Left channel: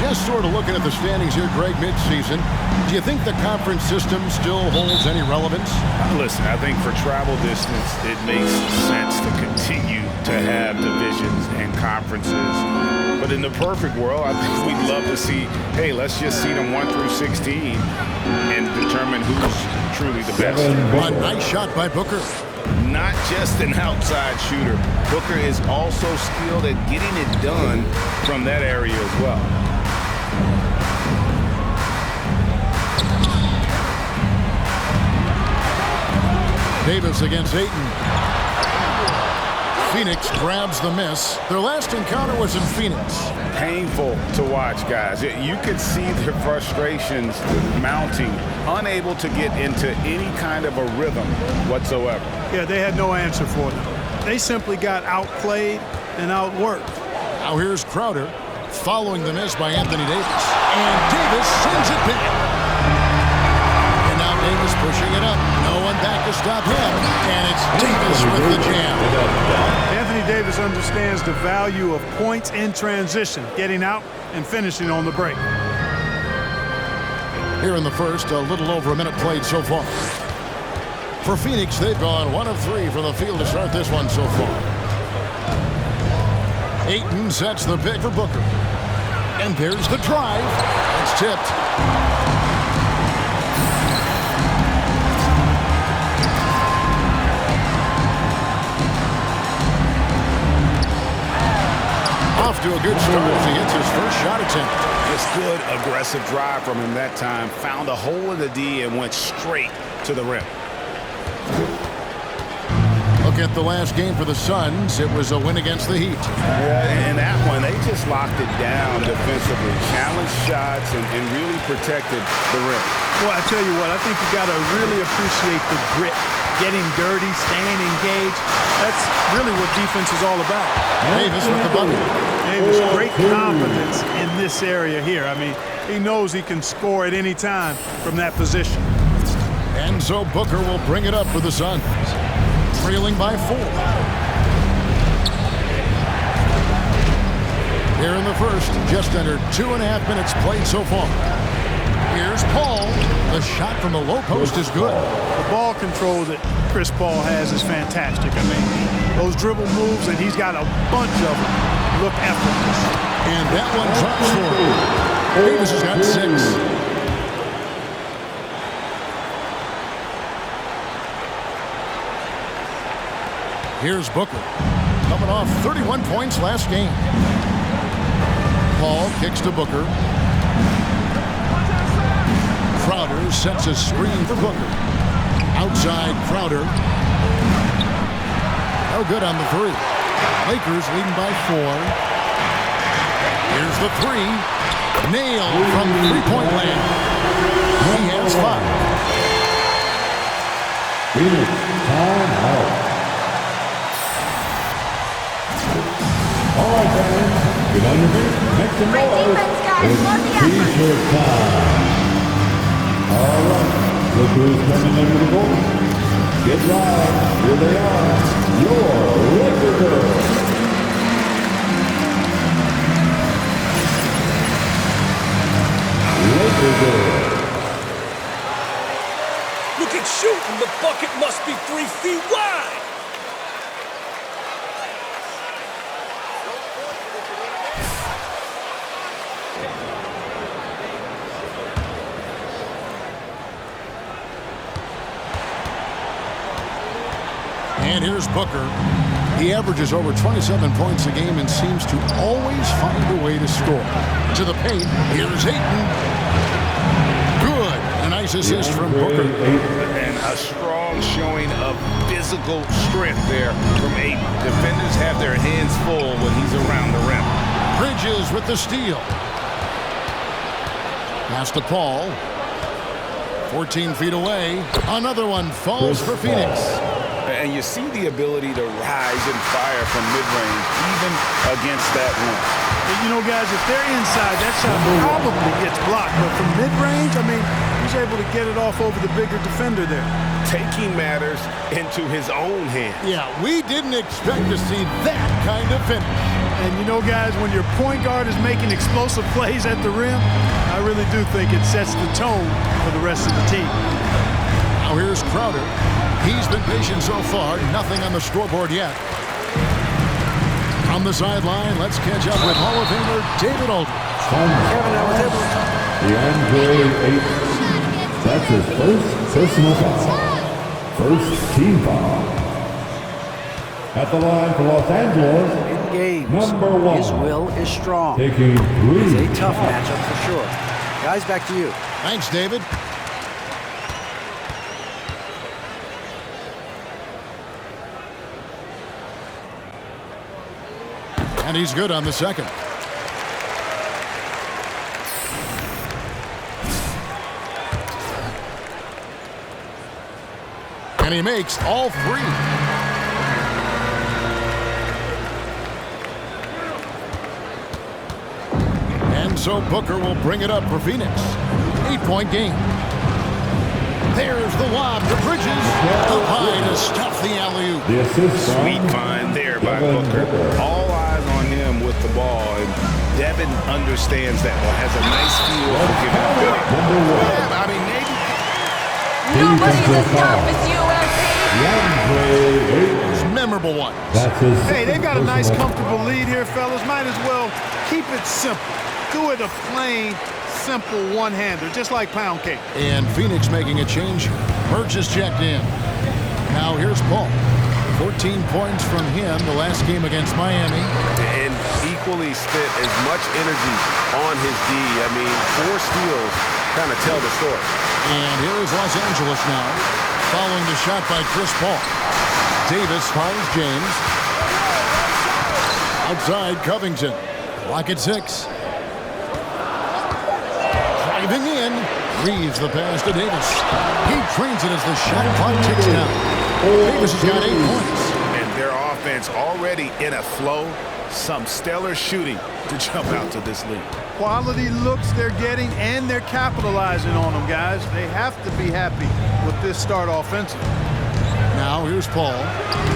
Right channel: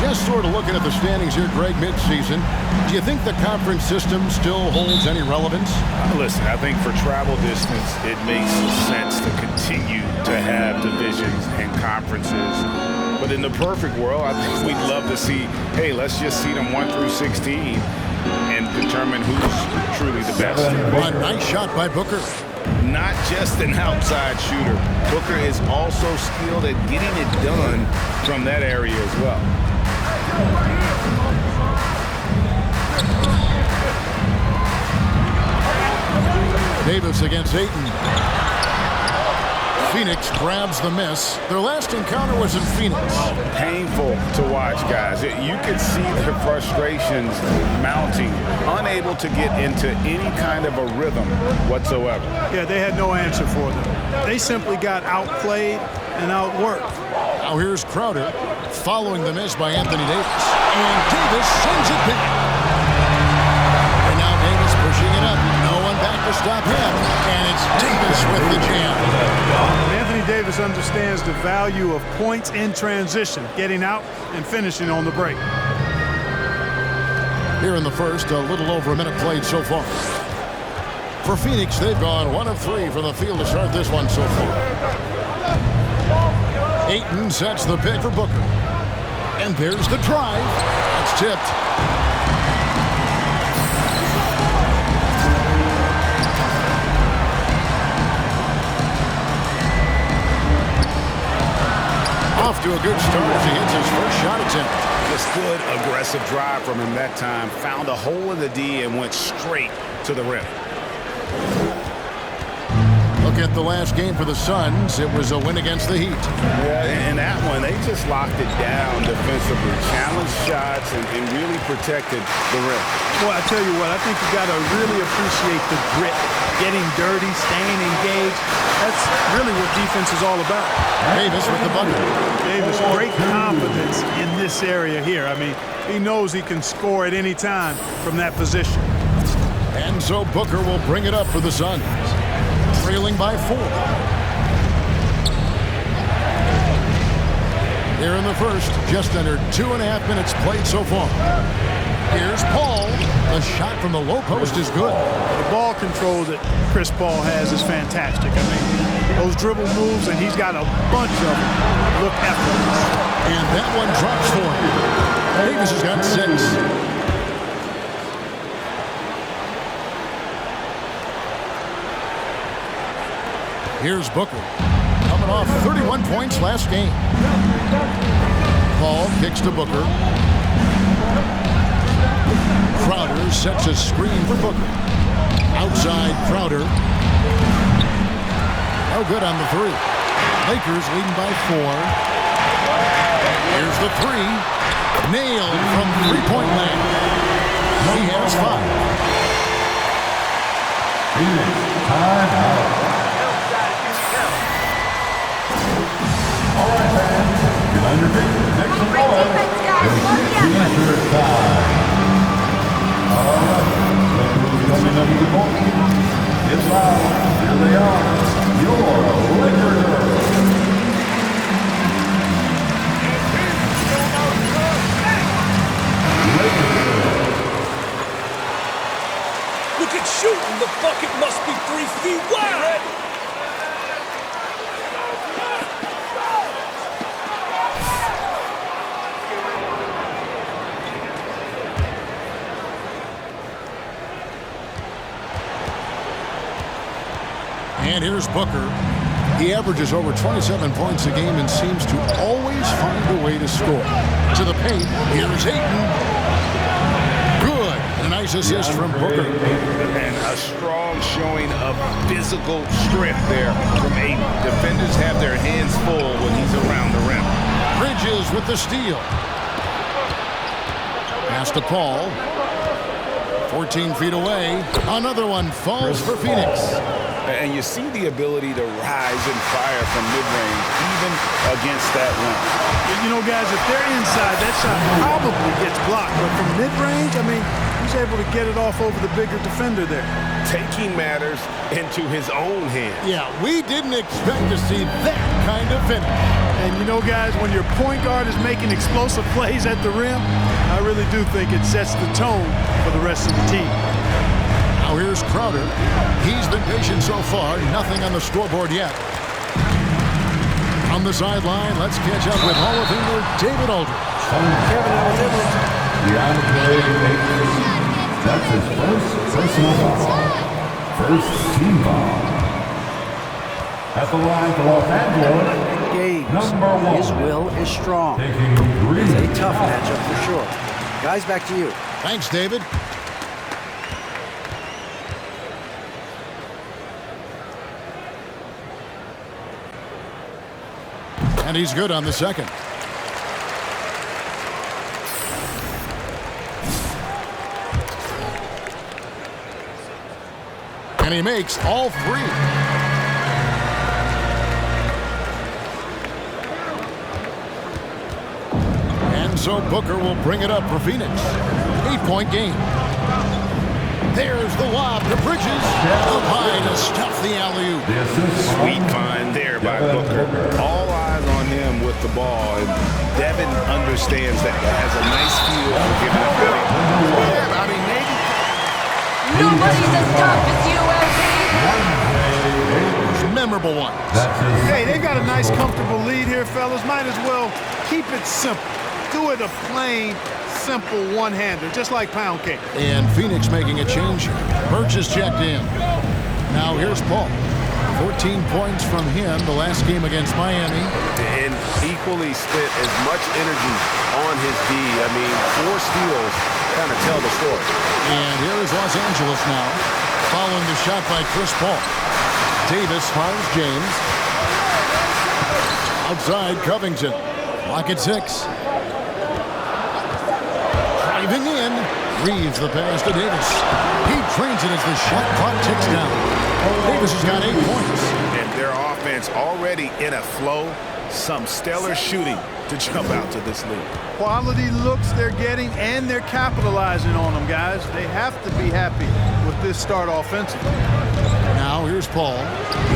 Just sort of looking at the standings here, Greg, midseason. Do you think the conference system still holds any relevance? Listen, I think for travel distance, it makes sense to continue to have divisions and conferences. But in the perfect world, I think we'd love to see, hey, let's just see them 1 through 16 and determine who's truly the best. A nice shot by Booker. Not just an outside shooter. Booker is also skilled at getting it done from that area as well. Davis against Ayton. Phoenix grabs the miss. Their last encounter was in Phoenix. Painful to watch, guys. You could see their frustrations mounting, unable to get into any kind of a rhythm whatsoever. Yeah, they had no answer for them. They simply got outplayed and outworked. Now here's Crowder following the miss by Anthony Davis. And Davis sends it back. And now Davis pushing it up. No one back to stop him. And it's Davis with the jam. Anthony Davis understands the value of points in transition, getting out and finishing on the break. Here in the first, a little over a minute played so far. For Phoenix, they've gone 1 of 3 from the field to start this one so far. Ayton sets the pick for Booker. And there's the drive. That's tipped. Off to a good start as he hits his first shot attempt. Just good aggressive drive from him that time. Found a hole in the D and went straight to the rim. Look at the last game for the Suns. It was a win against the Heat. Yeah, in that one, they just locked it down defensively. Challenged shots and really protected the rim. Well, I tell you what, I think you got to really appreciate the grit. Getting dirty, staying engaged. That's really what defense is all about. Davis with the bucket. Davis, great confidence in this area here. I mean, he knows he can score at any time from that position. And so Booker will bring it up for the Suns. Trailing by 4. Here in the first, just under 2.5 minutes played so far. Here's Paul. The shot from the low post is good. The ball control that Chris Paul has is fantastic. I mean, those dribble moves, and he's got a bunch of them, look effortless. And that one drops for him. Davis has got 6. Here's Booker, coming off 31 points last game. Paul kicks to Booker. Crowder sets a screen for Booker. Outside Crowder. No good on the 3. Lakers leading by 4. Here's the 3. Nailed from three-point land. He has 5. Phoenix, timeout. All right, fans, get on your feet, make some noise. Defense, guys. Love the effort. T-shirt time. All right, look who's coming under the goal. Get loud. Here they are, your Laker girls. Laker girls. Look at shooting. The bucket must be 3 feet wide. And here's Booker. He averages over 27 points a game and seems to always find a way to score. To the paint, here's Ayton. Good. And a nice assist from Booker. And a strong showing of physical strength there from Ayton. Defenders have their hands full when he's around the rim. Bridges with the steal. Pass to Paul. 14 feet away. Another one falls for Phoenix. And you see the ability to rise and fire from mid-range, even against that run. You know, guys, if they're inside, that shot probably gets blocked. But from mid-range, I mean, he's able to get it off over the bigger defender there. Taking matters into his own hands. Yeah, we didn't expect to see that kind of finish. And you know, guys, when your point guard is making explosive plays at the rim, I really do think it sets the tone for the rest of the team. Now here's Crowder. He's been patient so far. Nothing on the scoreboard yet. On the sideline, let's catch up with Hall of Famer David Aldridge. Kevin, I was able to... DeAndre Ayton. That's his first personal foul. First team foul. At the line for Los Angeles, in games, number 1. His will is strong. Taking 3. It's a tough matchup for sure. Guys, back to you. Thanks, David. And he's good on the second. And he makes all 3. And so Booker will bring it up for Phoenix. 8-point game. There's the lob to Bridges. Up high to stuff the alley-oop. The assist. Sweet find there by Booker. All eyes on him with the ball, and Devin understands that. Has a nice feel for giving up the layup. Yeah, I mean, maybe. Nobody's as tough as you, MP. It's a memorable one. That's his. Hey, they've got a nice, comfortable lead here, fellas. Might as well keep it simple. Do it a plain, simple one-hander, just like pound cake. And Phoenix making a change. Birch is checked in. Now here's Paul. 14 points from him the last game against Miami. And equally spent as much energy on his D. I mean, 4 steals kind of tell the story. And here is Los Angeles now, following the shot by Chris Paul. Davis finds James. Outside Covington. Clock at 6. Driving in. Reeves the pass to Davis. He trains it as the shot clock ticks down. Davis has got 8 points. And their offense already in a flow. Some stellar shooting to jump out to this lead. Quality looks they're getting, and they're capitalizing on them, guys. They have to be happy with this start offensively. Now here's Paul.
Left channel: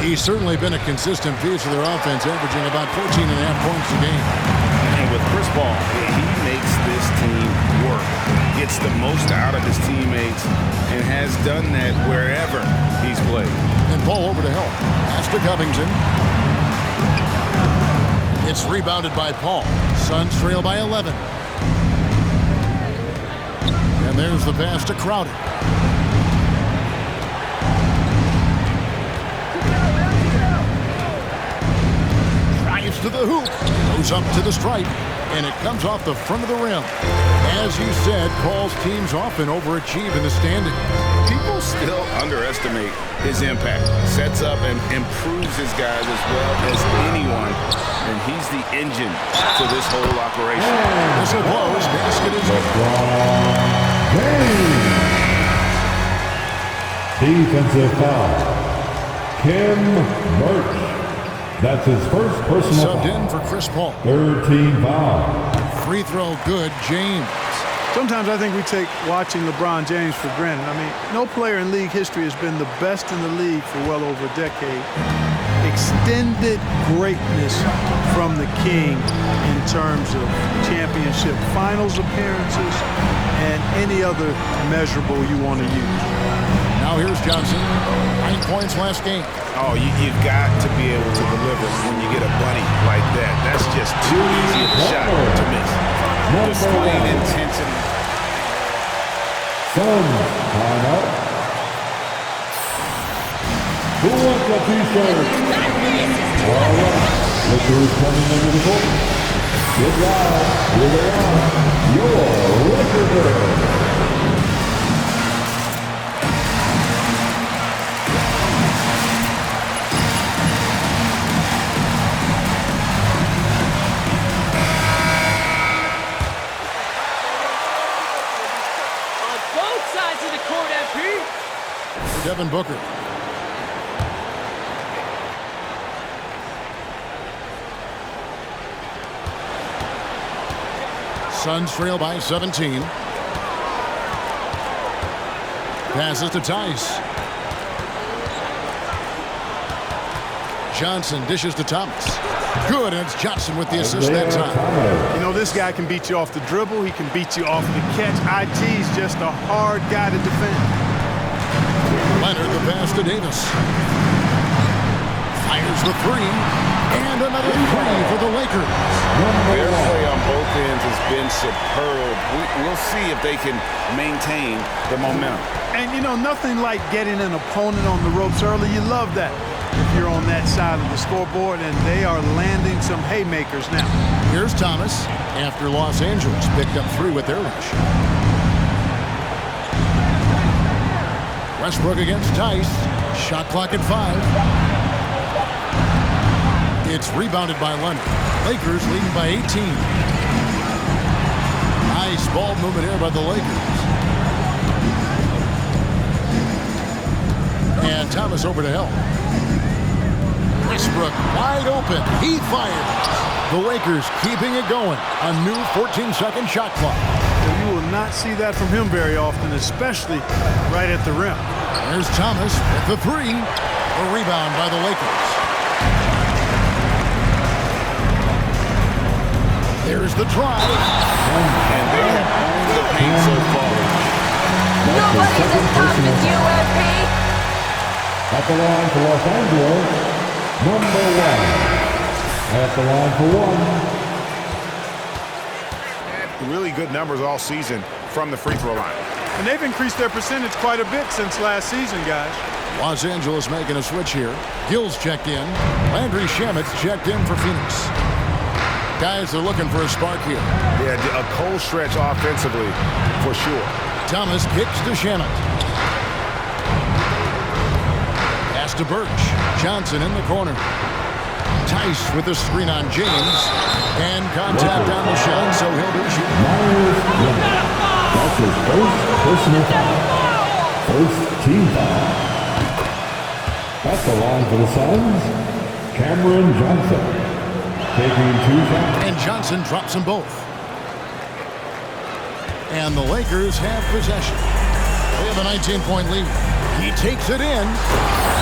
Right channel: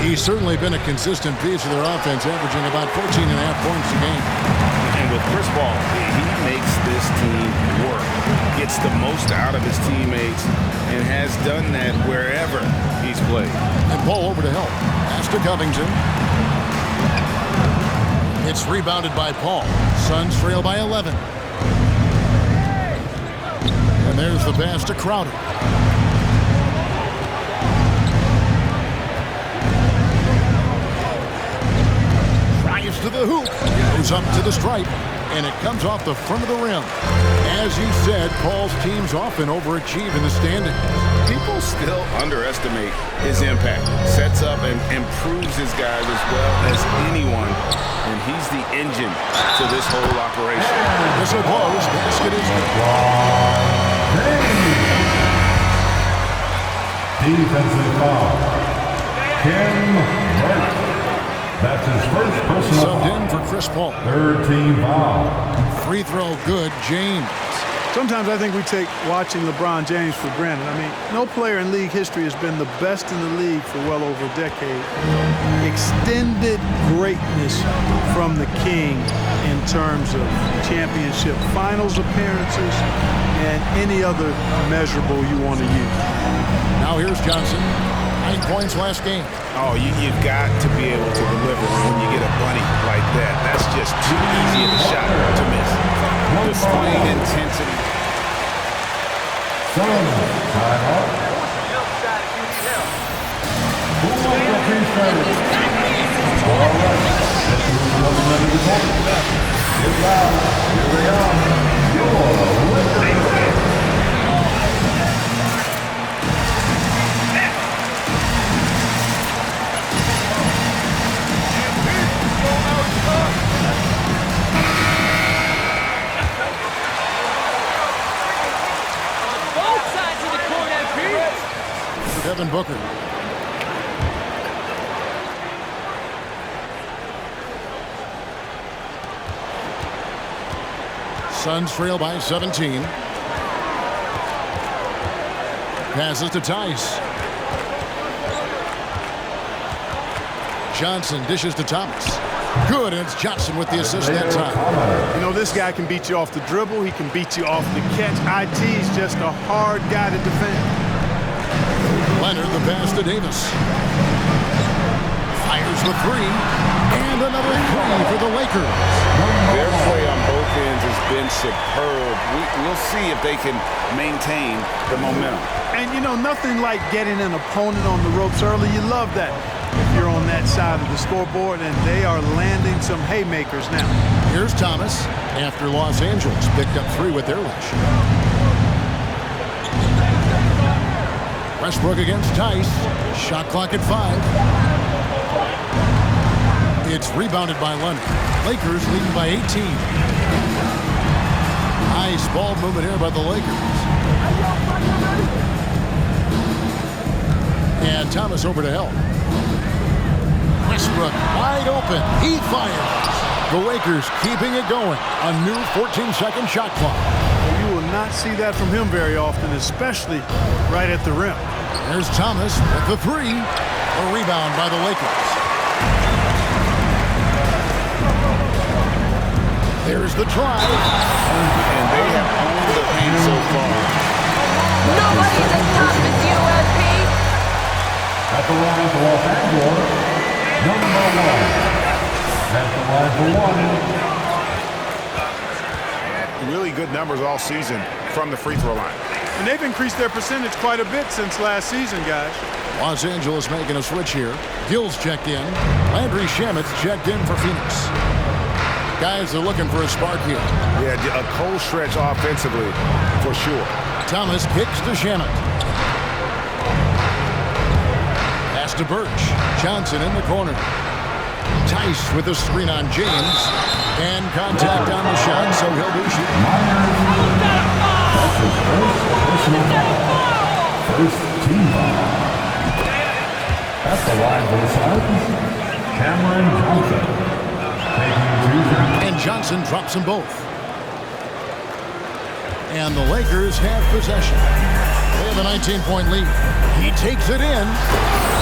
He's certainly been a consistent piece of their offense, averaging about 14.5 points a game. And with Chris Paul, he makes this team work, gets the most out of his teammates, and has done that wherever he's played. And Paul over to help. Pass to Covington. It's rebounded by Paul. Suns trail by 11. And there's the pass to Crowder. Drives to the hoop. Goes up to the stripe. And it comes off the front of the rim. As you said, Paul's teams often overachieve in the standings. People still underestimate his impact. Sets up and improves his guys as well as anyone. And he's the engine to this whole operation. This will close. Basket is good. Defensive foul. Kim Birch. That's his first personal Subbed foul. in for Chris Paul. 3rd team foul. Free throw good. James. Sometimes I think we take watching LeBron James for granted. I mean, no player in league history has been the best in the league for well over a decade. Extended greatness from the king in terms of championship finals appearances and any other measurable you want to use. Now here's Johnson. 9 points last game. Oh, you've got to be able to deliver when you get a bunny like that. That's just too easy of a shot to miss. Displaying intensity. Suns, time up. Who wants a t-shirt? All right, look who's coming under the court. Get loud, here they are, your record girl. Devin Booker. Suns trail by 17. Passes to Tice. Johnson dishes to Thomas. Good, and it's Johnson with the assist that time. You know, this guy can beat you off the dribble. He can beat you off the catch. IT's just a hard guy to defend. Leonard, the pass to Davis. Fires the three, and another three for the Lakers. Their play on both ends has been superb. We'll see if they can maintain the momentum. And, you know, nothing like getting an opponent on the ropes early. You love that if you're on that side of the scoreboard, and they are landing some haymakers now. Here's Thomas after Los Angeles picked up 3 with their last shot. Westbrook against Tice. Shot clock at 5. It's rebounded by Leonard. Lakers leading by 18. Nice ball movement here by the Lakers. And Thomas over to help. Westbrook wide open. He fires. The Lakers keeping it going. A new 14-second shot clock. Well, you will not see that from him very often, especially right at the rim. There's Thomas with the 3. A rebound by the Lakers. There's the try. And they have owned the paint so far. Nobody's as tough as you, MP. At the line for Los Angeles, number 1. At the line for 1. Really good numbers all season from the free throw line. And they've increased their percentage quite a bit since last season, guys. Los Angeles making a switch here. Gill's checked in. Landry Shamet's checked in for Phoenix. Guys are looking for a spark here. Yeah, a cold stretch offensively for sure. Thomas kicks to Shamet. Pass to Birch. Johnson in the corner. Tice with the screen on James. And contact on the shot, so he'll be shooting. That's his first personal foul. First team foul. At the line for the Suns, Cameron Johnson. Taking 2 shots. And Johnson drops them both. And the Lakers have possession. They have a 19-point lead. He takes it in.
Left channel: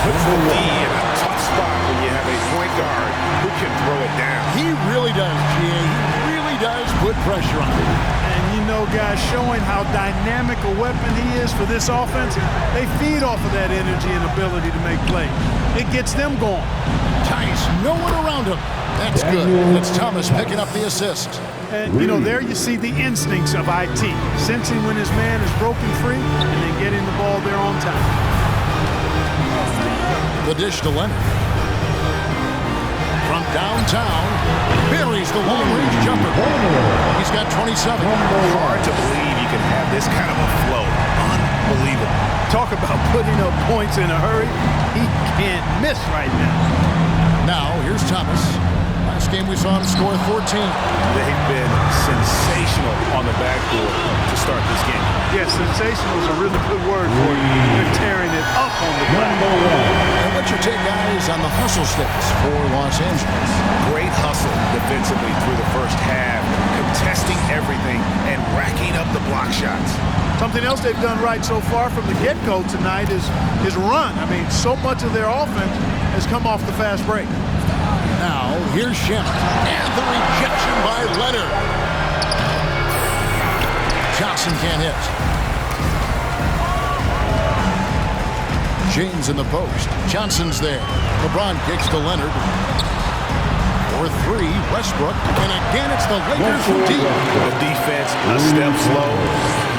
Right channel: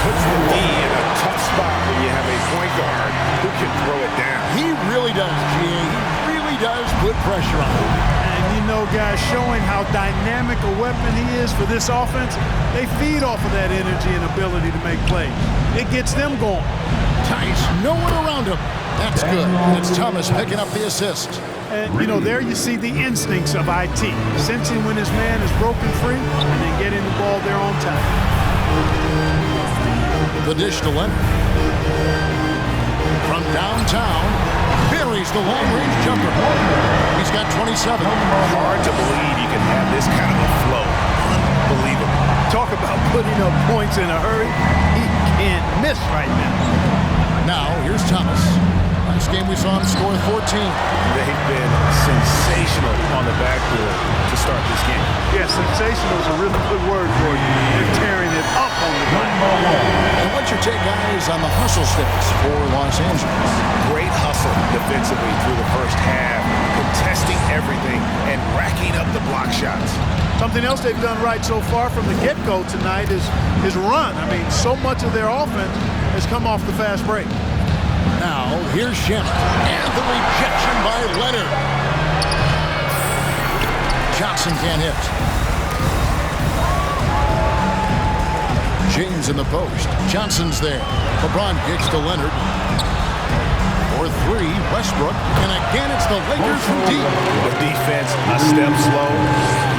Puts the knee in a tough spot when you have a point guard who can throw it down. He really does, GA. He really does put pressure on him. And, you know, guys, showing how dynamic a weapon he is for this offense, they feed off of that energy and ability to make plays. It gets them going. Tice, no one around him. That's good. And it's Thomas picking up the assist. And, you know, there you see the instincts of IT, sensing when his man is broken free and then getting the ball there on time. The dish to Leonard. From downtown, buries the long-range jumper. He's got 27. Hard to believe you can have this kind of a flow. Unbelievable. Talk about putting up points in a hurry. He can't miss right now. Now, here's Thomas. Last game we saw him score 14. They've been sensational on the backboard to start this game. Yeah, sensational is a really good word for it. They're tearing it up on the glass. And what's your take, guys, on the hustle stats for Los Angeles? Great hustle defensively through the first half, contesting everything and racking up the block shots. Something else they've done right so far from the get-go tonight is run. I mean, so much of their offense has come off the fast break. Now, here's Shamet. And the rejection by Leonard. Johnson can't hit. James in the post. Johnson's there. LeBron kicks to Leonard. For 3, Westbrook. And again, it's the Lakers from deep. The defense a step slow.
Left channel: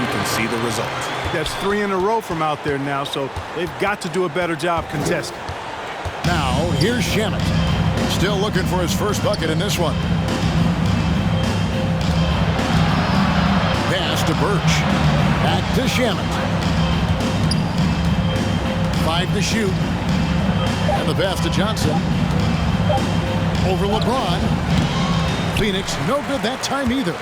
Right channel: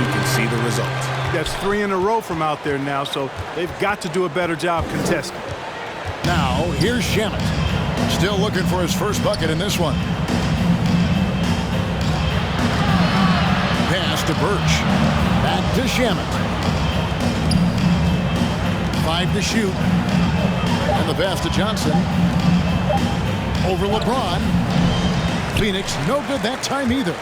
You can see the results. That's 3 in a row from out there now, so they've got to do a better job contesting. Now, here's Shamet. Still looking for his first bucket in this one. Pass to Birch. Back to Shamet. 5 to shoot. And the pass to Johnson. Over LeBron. Phoenix, no good that time either.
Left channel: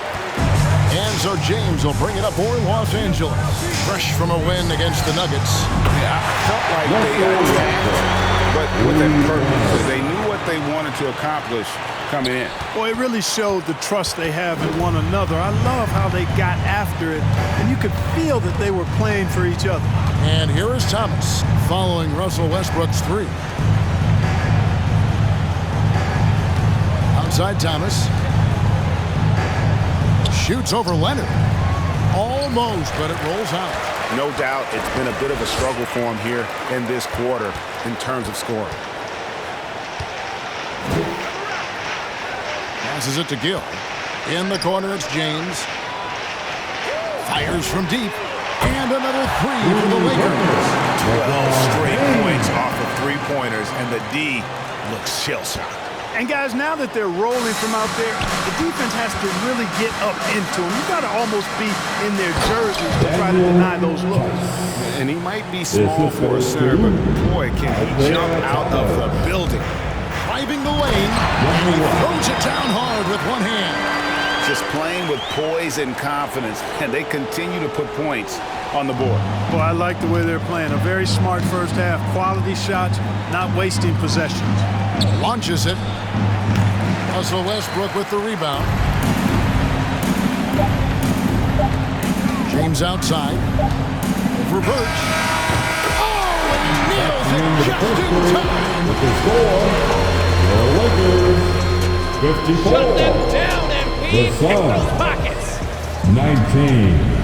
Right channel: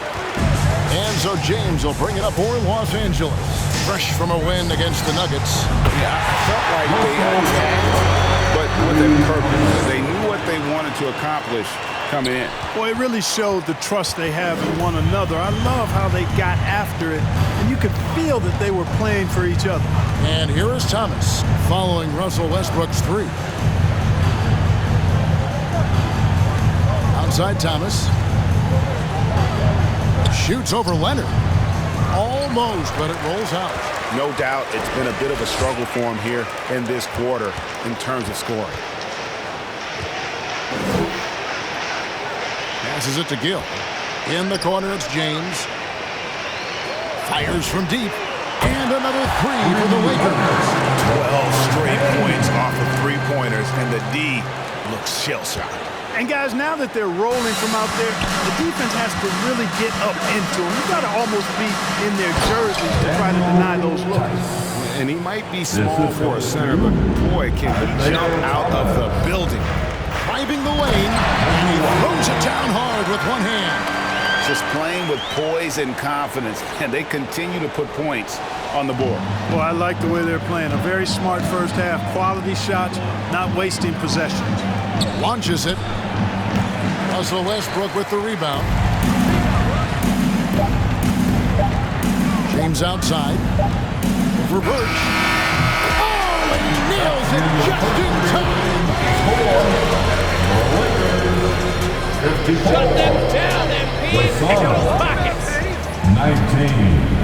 And so James will bring it up for Los Angeles. Fresh from a win against the Nuggets. Yeah, I felt like they attacked, but with a purpose. They knew what they wanted to accomplish coming in. Boy, it really showed the trust they have in one another. I love how they got after it, and you could feel that they were playing for each other. And here is Thomas following Russell Westbrook's 3. outside Thomas. Shoots over Leonard. Almost, but it rolls out. No doubt it's been a bit of a struggle for him here in this quarter in terms of scoring. Passes it to Gill. In the corner, it's James. Fires from deep. And another three for the Lakers. 12 straight points off of three-pointers, and the D looks shell-shocked. And guys, now that they're rolling from out there, the defense has to really get up into them. You got to almost be in their jerseys to try to deny those looks. And he might be small for a center, but boy, can he jump out of the building. Driving the lane, and he throws it down hard with one hand. Just playing with poise and confidence, and they continue to put points on the board. Well, I like the way they're playing. A very smart first half. Quality shots, not wasting possessions. Launches it. Russell Westbrook with the rebound. James outside. Over Birch. Oh, and he nails it just in time. Shut them down, MP. Pick those pockets. 19.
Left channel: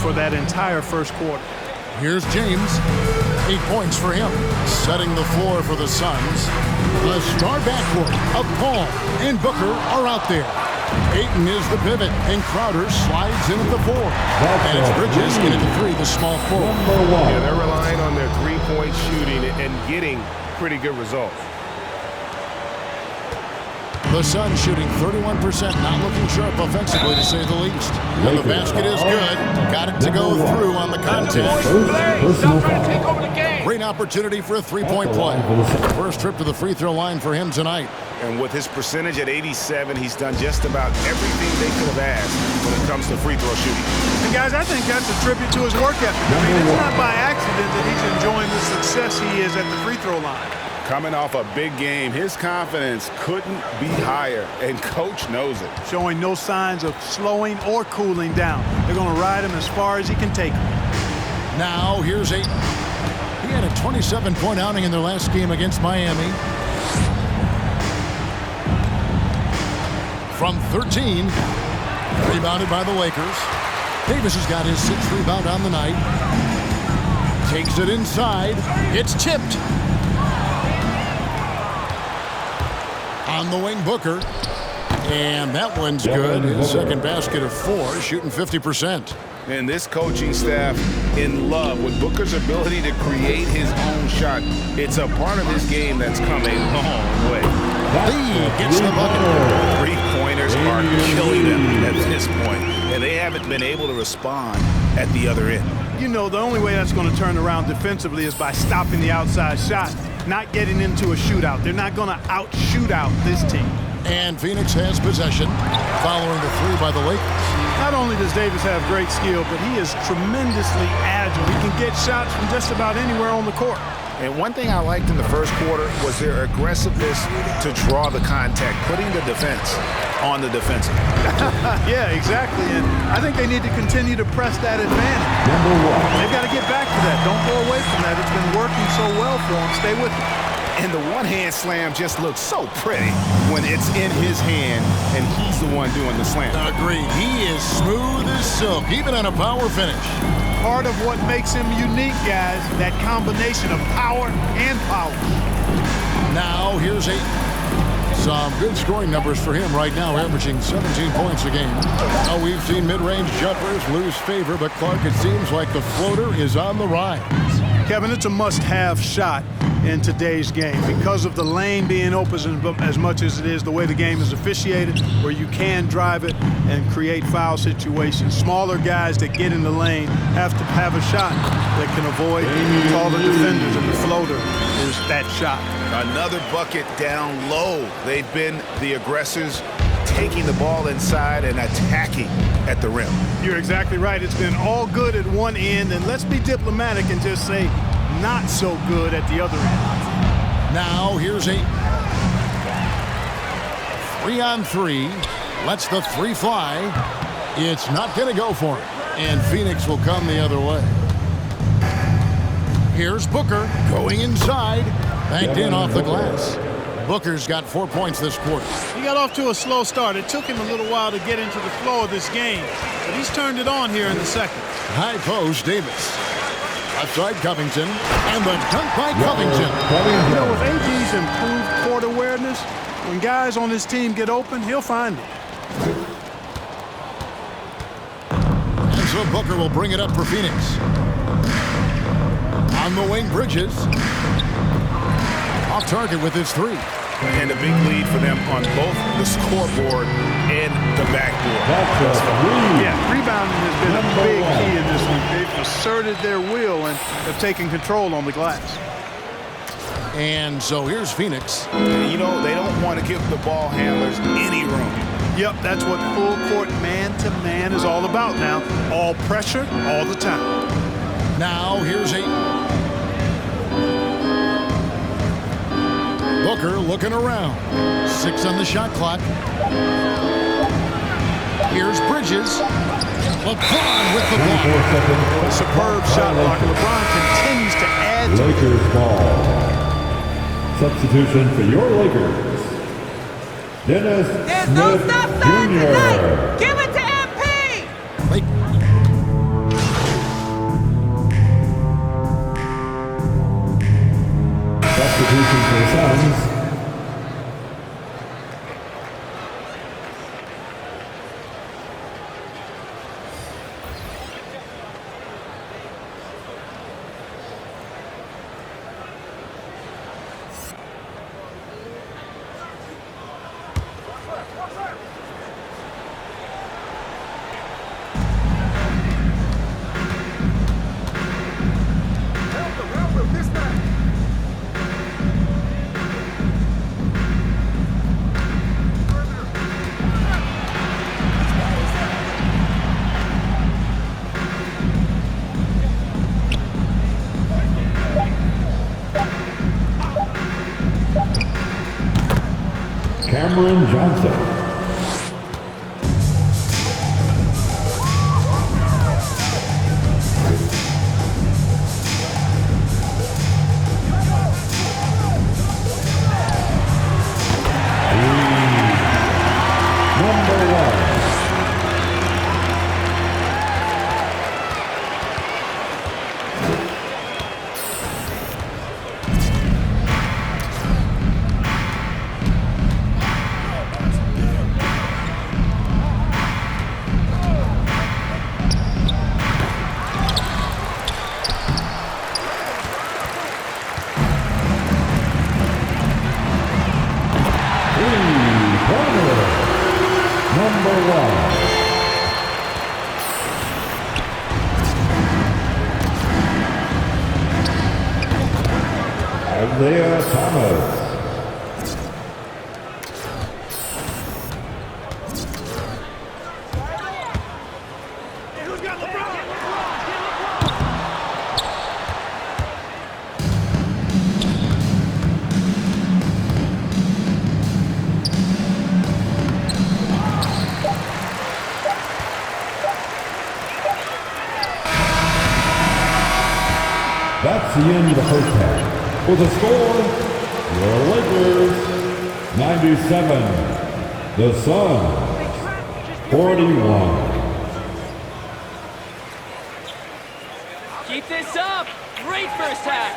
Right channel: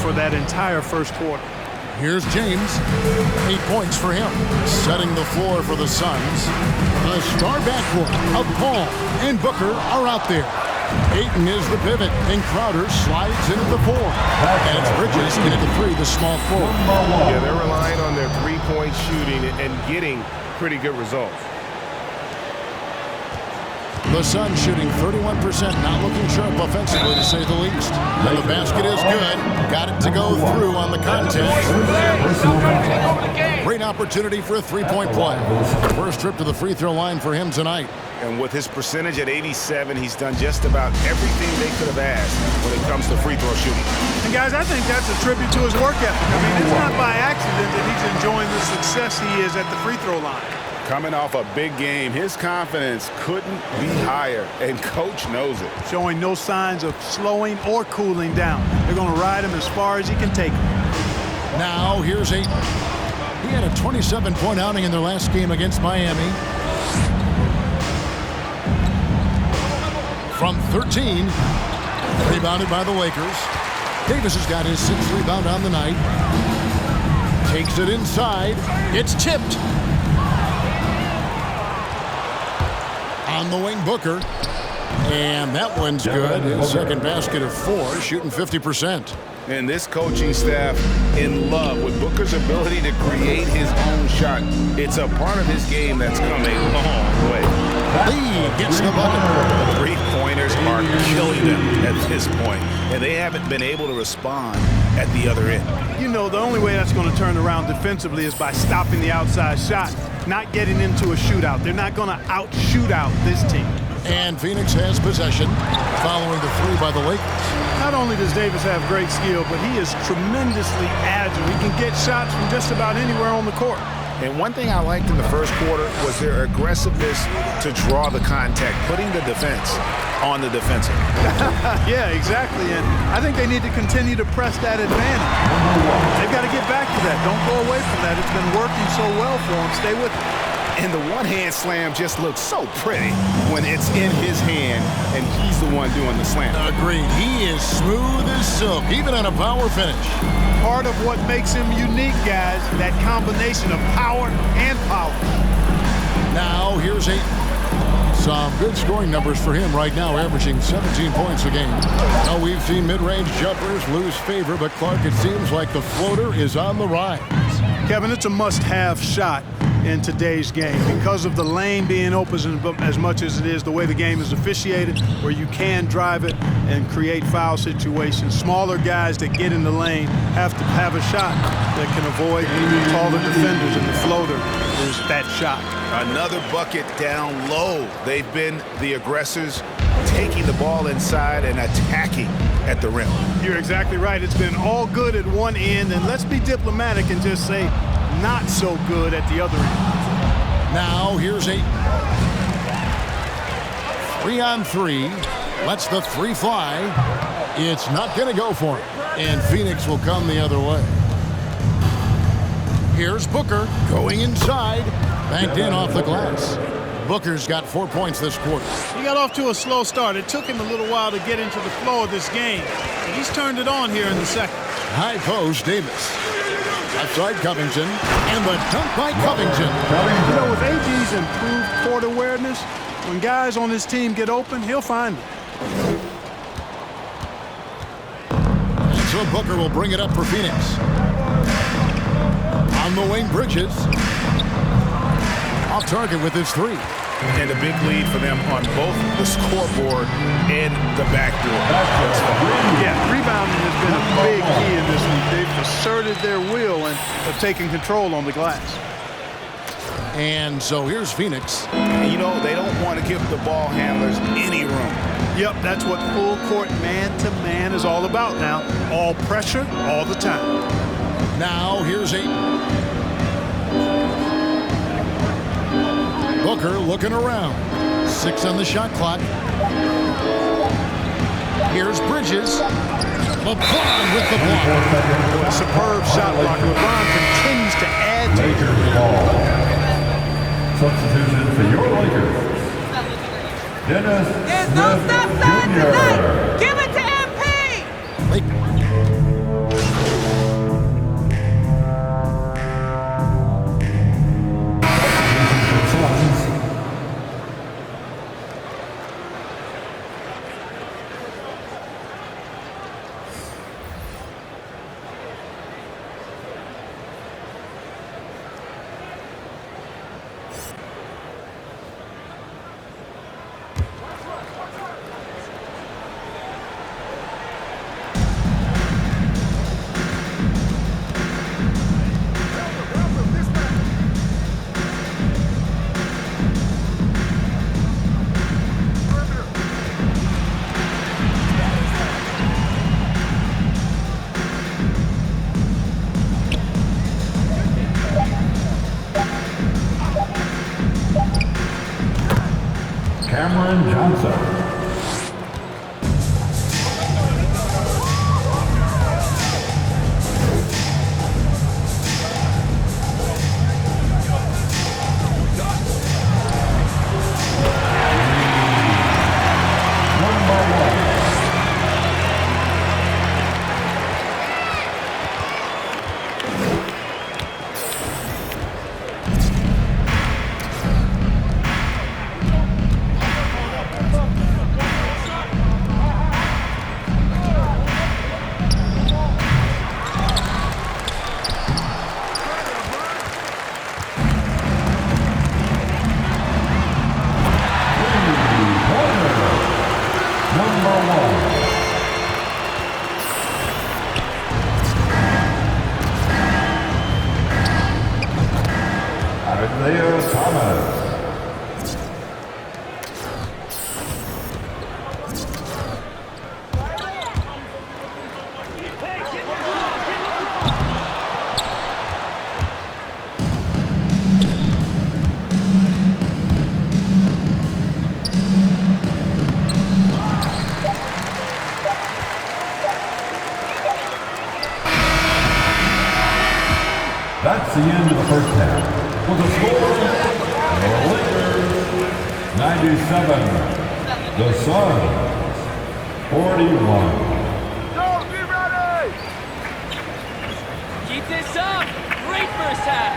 For that entire first quarter. Here's James. 8 points for him. Setting the floor for the Suns. The star backcourt of Paul and Booker are out there. Ayton is the pivot, and Crowder slides in at the 4. And it's Bridges in at the 3, the small forward. Yeah, they're relying on their three-point shooting and getting pretty good results. The Suns shooting 31%, not looking sharp offensively, to say the least. And the basket is good. Got it to go through on the contact. Great opportunity for a three-point play. First trip to the free throw line for him tonight. And with his percentage at 87, he's done just about everything they could have asked when it comes to free throw shooting. And guys, I think that's a tribute to his work ethic. I mean, it's not by accident that he's enjoying the success he is at the free throw line. Coming off a big game, his confidence couldn't be higher, and Coach knows it. Showing no signs of slowing or cooling down. They're going to ride him as far as he can take him. Now, here's Ayton. He had a 27-point outing in their last game against Miami. From 13, rebounded by the Lakers. Davis has got his 6th rebound on the night. Takes it inside. It's tipped. On the wing, Booker. And that one's good. His second basket of 4, shooting 50%. And this coaching staff in love with Booker's ability to create his own shot. It's a part of his game that's come a long way. Lee gets the bucket. Three-pointers are killing them at this point, and they haven't been able to respond at the other end. You know, the only way that's going to turn around defensively is by stopping the outside shot, not getting into a shootout. They're not going to out-shoot out this team. And Phoenix has possession, following the 3 by the Lakers. Not only does Davis have great skill, but he is tremendously agile. He can get shots from just about anywhere on the court. And one thing I liked in the first quarter was their aggressiveness to draw the contact, putting the defense on the defensive. Yeah, exactly. And I think they need to continue to press that advantage. They've got to get back to that. Don't go away from that. It's been working so well for them. Stay with it. And the one-hand slam just looks so pretty when it's in his hand and he's the one doing the slam. Agreed. He is smooth as silk, even on a power finish. Part of what makes him unique, guys, that combination of power and polish. Now, here's Ayton. Some good scoring numbers for him right now, averaging 17 points a game. Now, we've seen mid-range jumpers lose favor, but Clark, it seems like the floater is on the rise. Kevin, it's a must-have shot. in today's game because of the lane being open as much as it is, the way the game is officiated, where you can drive it and create foul situations. Smaller guys that get in the lane have to have a shot that can avoid taller defenders, and the floater is that shot. Another bucket down low. They've been the aggressors, taking the ball inside and attacking at the rim. You're exactly right. It's been all good at one end, and let's be diplomatic and just say not so good at the other end. Now here's 8. 3-on-3. Lets the 3 fly. It's not going to go for him, and Phoenix will come the other way. Here's Booker going inside. Banked in off the glass. Booker's got 4 points this quarter. He got off to a slow start. It took him a little while to get into the flow of this game, but he's turned it on here in the second. High post, Davis. Left side, Covington. And the dunk by Covington. You know, with AD's improved court awareness, when guys on his team get open, he'll find them. And so Booker will bring it up for Phoenix. On the wing, Bridges. Off target with his 3. And a big lead for them on both the scoreboard and the backboard. Yeah, rebounding has been a big key in this week. They've asserted their will and have taken control on the glass. And so here's Phoenix. You know, they don't want to give the ball handlers any room. Yep, that's what full court man-to-man is all about now. All pressure, all the time. Now here's 8. Booker looking around. 6 on the shot clock. Here's Bridges. LeBron with the block. Boy, a superb shot block. LeBron continues to add to Lakers ball. Substitution for your Lakers. Dennis There's no Smith stop sign Jr. tonight. Give it to MP. Substitution for the Suns. Cameron Johnson. Number 1. Number 1. Isaiah Thomas. That's the end of the first half. With the score, your Lakers 97, the Suns 41. Keep this up. Great first half.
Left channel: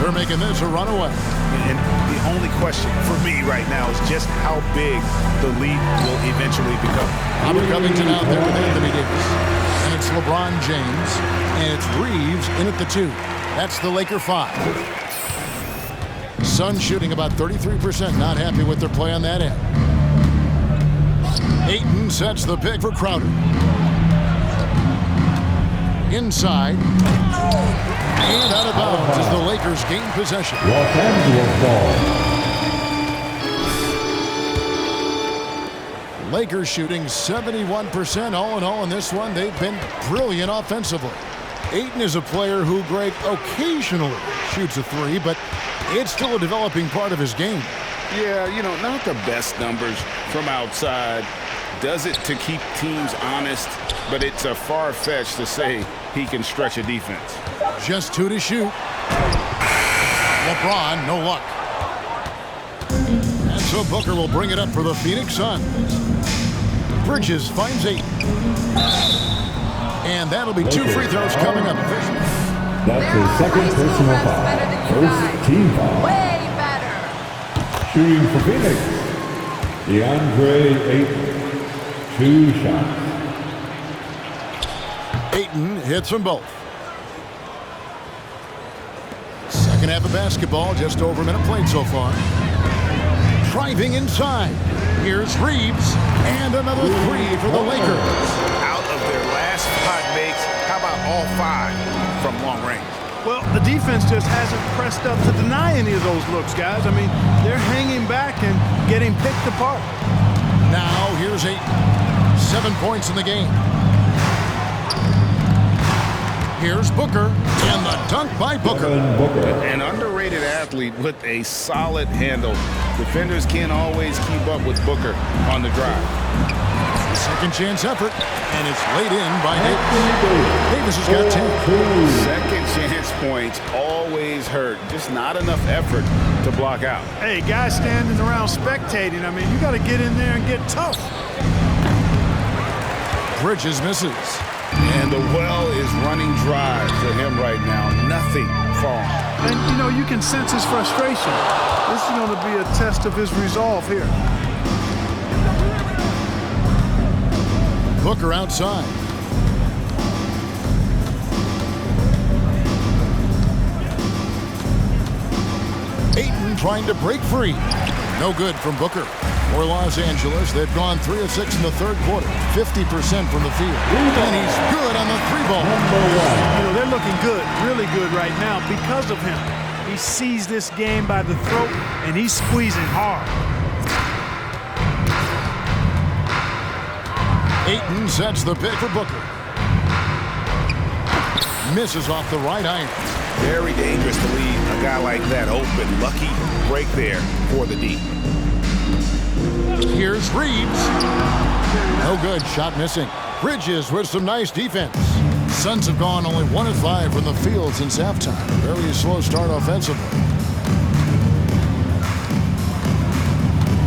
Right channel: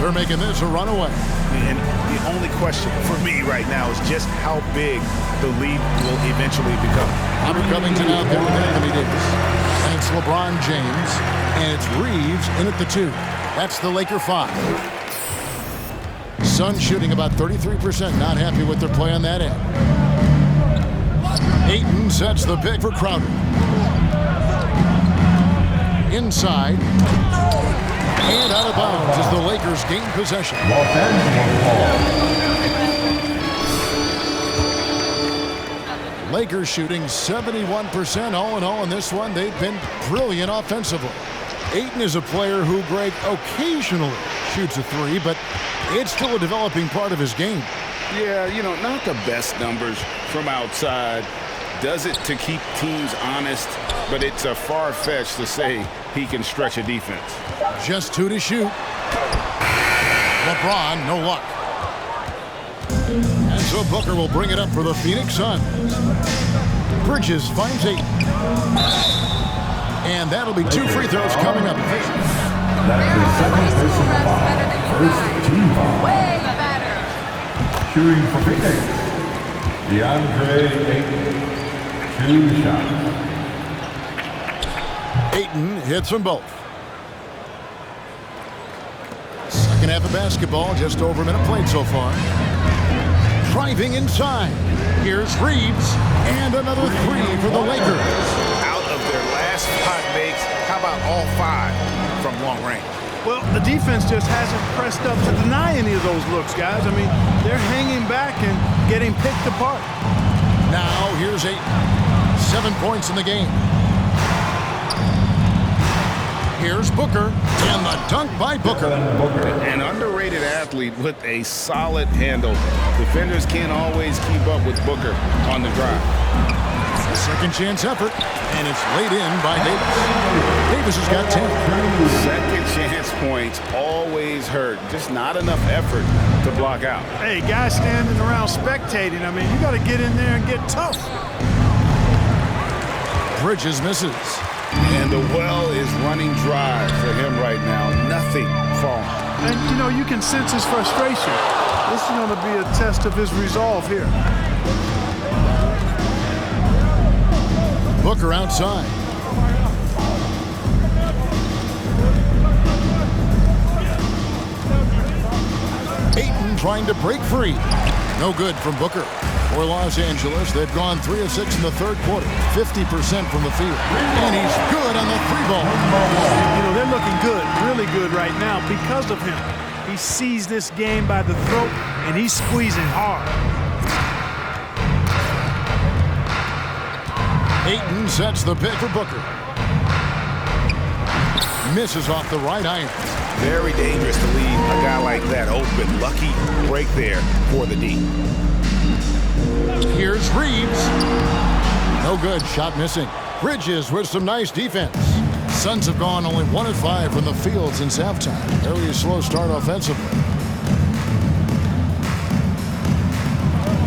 They're making this a runaway. And the only question for me right now is just how big the lead will eventually become. Robert Covington out there with Anthony Davis. And it's LeBron James. And it's Reeves in at the 2. That's the Laker 5. Suns shooting about 33%. Not happy with their play on that end. Ayton sets the pick for Crowder. Inside. And out of bounds as the Lakers gain possession. Los Angeles ball. Lakers shooting 71% all in all in this one. They've been brilliant offensively. Ayton is a player who, Greg, occasionally shoots a 3, but it's still a developing part of his game. Yeah, you know, not the best numbers from outside. Does it to keep teams honest, but it's a far-fetched to say he can stretch a defense. Just 2 to shoot. LeBron, no luck. And so Booker will bring it up for the Phoenix Suns. Bridges finds Ayton. And that'll be 2 free throws coming up. That's his second personal foul. First team foul. Way better. Shooting for Phoenix, DeAndre Ayton. 2 shots. Ayton hits them both. Second half of basketball, just over a minute played so far. Driving inside. Here's Reeves, and another 3 for the Lakers. Out of their last 5 makes, how about all 5 from long range? Well, the defense just hasn't pressed up to deny any of those looks, guys. I mean, they're hanging back and getting picked apart. Now, here's Ayton. 7 points in the game. Here's Booker, and the dunk by Booker. An underrated athlete with a solid handle. Defenders can't always keep up with Booker on the drive. The second chance effort, and it's laid in by Davis. Davis has got 10. Second chance points always hurt. Just not enough effort to block out. Hey, guys standing around spectating, I mean, you got to get in there and get tough. Bridges misses. And the well is running dry for him right now. Nothing falling. And, you know, you can sense his frustration. This is going to be a test of his resolve here. Booker outside. Ayton trying to break free. No good from Booker. For Los Angeles, they've gone 3 of 6 in the third quarter, 50% from the field. And he's good on the 3-ball. You know, they're looking good, really good right now because of him. He sees this game by the throat, and he's squeezing hard. Ayton sets the pick for Booker. Misses off the right iron. Very dangerous to leave a guy like that open. Lucky break there for the D. Here's Reeves. No good. Shot missing. Bridges with some nice defense. Suns have gone only 1 of 5 from the field since halftime. Very slow start offensively.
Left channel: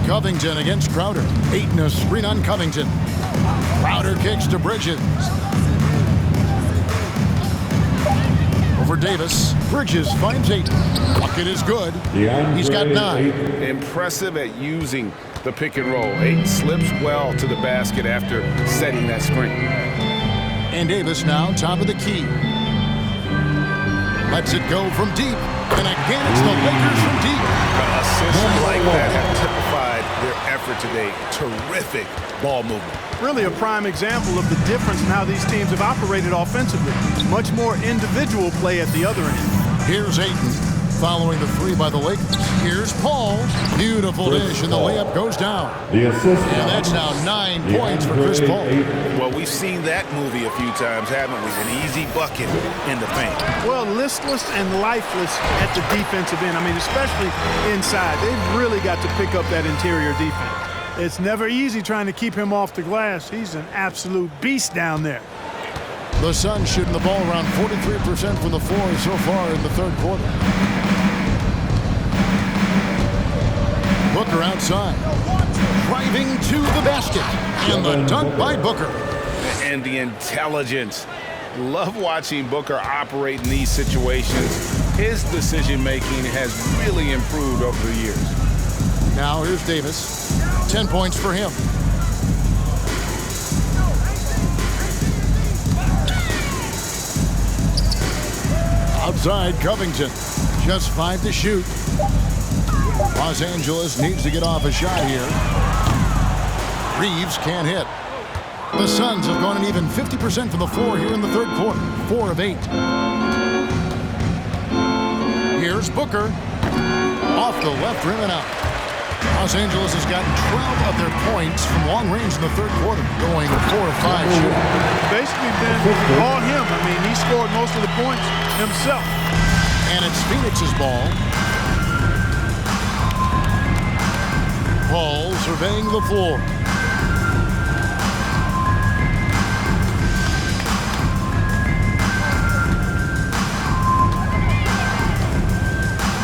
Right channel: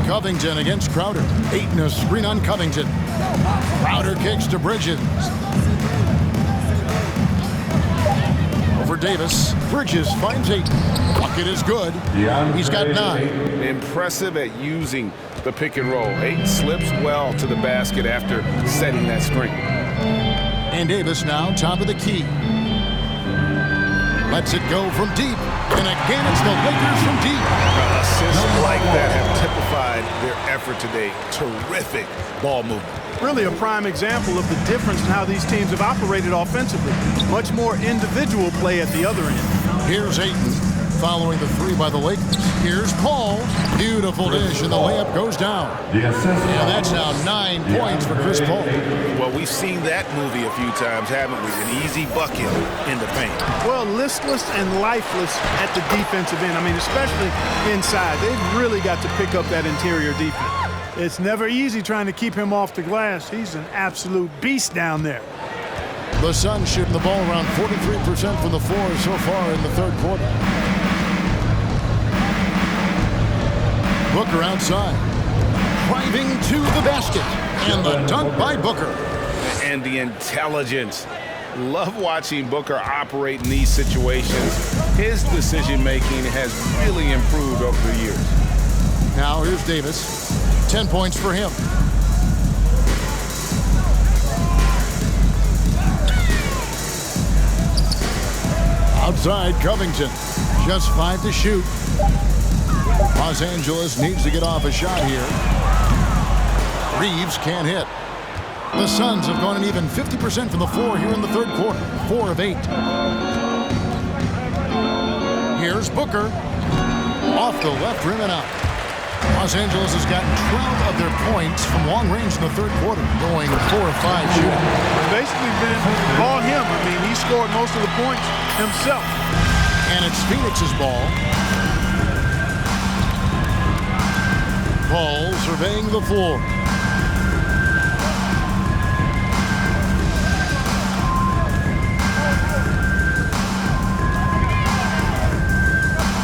Covington against Crowder. Ayton a screen on Covington. Crowder kicks to Bridges. Over Davis. Bridges finds Ayton. Bucket is good. He's got 9. Impressive at using the pick and roll. Ayton slips well to the basket after setting that screen. And Davis now top of the key. Lets it go from deep. And again, it's the Lakers from deep. Assists like that have typified their effort today. Terrific ball movement. Really a prime example of the difference in how these teams have operated offensively. Much more individual play at the other end. Here's Ayton following the 3 by the Lakers. Here's Paul. Beautiful dish, and the layup goes down. The assist. And that's now 9 points for Chris Paul. Well, we've seen that movie a few times, haven't we? An easy bucket in the paint. Well, listless and lifeless at the defensive end. I mean, especially inside. They've really got to pick up that interior defense. It's never easy trying to keep him off the glass. He's an absolute beast down there. The Suns shooting the ball around 43% from the floor so far in the third quarter. Booker outside. Driving to the basket. And the dunk by Booker. And the intelligence Love watching Booker operate in these situations. His decision-making has really improved over the years. Now here's Davis. 10 points for him. Outside Covington. Just 5 to shoot. Los Angeles needs to get off a shot here. Reeves can't hit. The Suns have gone an even 50% from the floor here in the third quarter. 4 of 8. Here's Booker. Off the left rim and out. Los Angeles has gotten 12 of their points from long range in the third quarter, going 4 of 5 shooting. Basically been all him. I mean, he scored most of the points himself. And it's Phoenix's ball. Paul surveying the floor.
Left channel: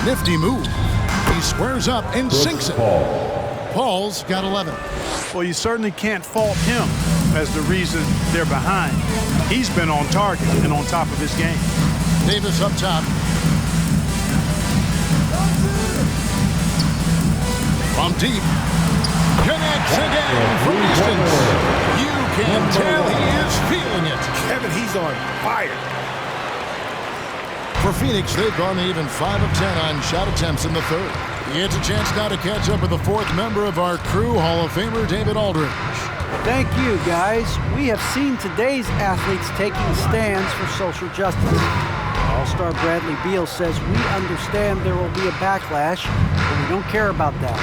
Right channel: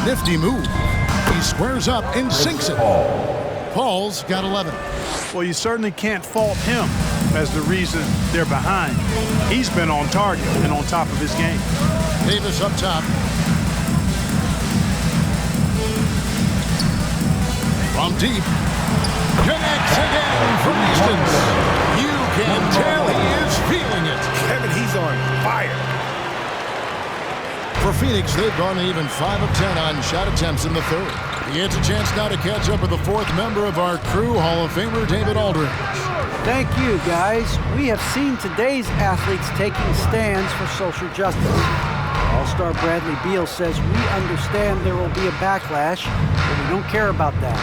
Nifty move. He squares up and sinks it. Paul's got 11. Well, you certainly can't fault him as the reason they're behind. He's been on target and on top of his game. Davis up top. From deep. Connects again from distance. You can tell he is feeling it. Kevin, he's on fire. For Phoenix, they've gone even 5 of 10 on shot attempts in the third. He gets a chance now to catch up with the fourth member of our crew, Hall of Famer David Aldridge. Thank you, guys. We have seen today's athletes taking stands for social justice. All-star Bradley Beal says we understand there will be a backlash, but we don't care about that.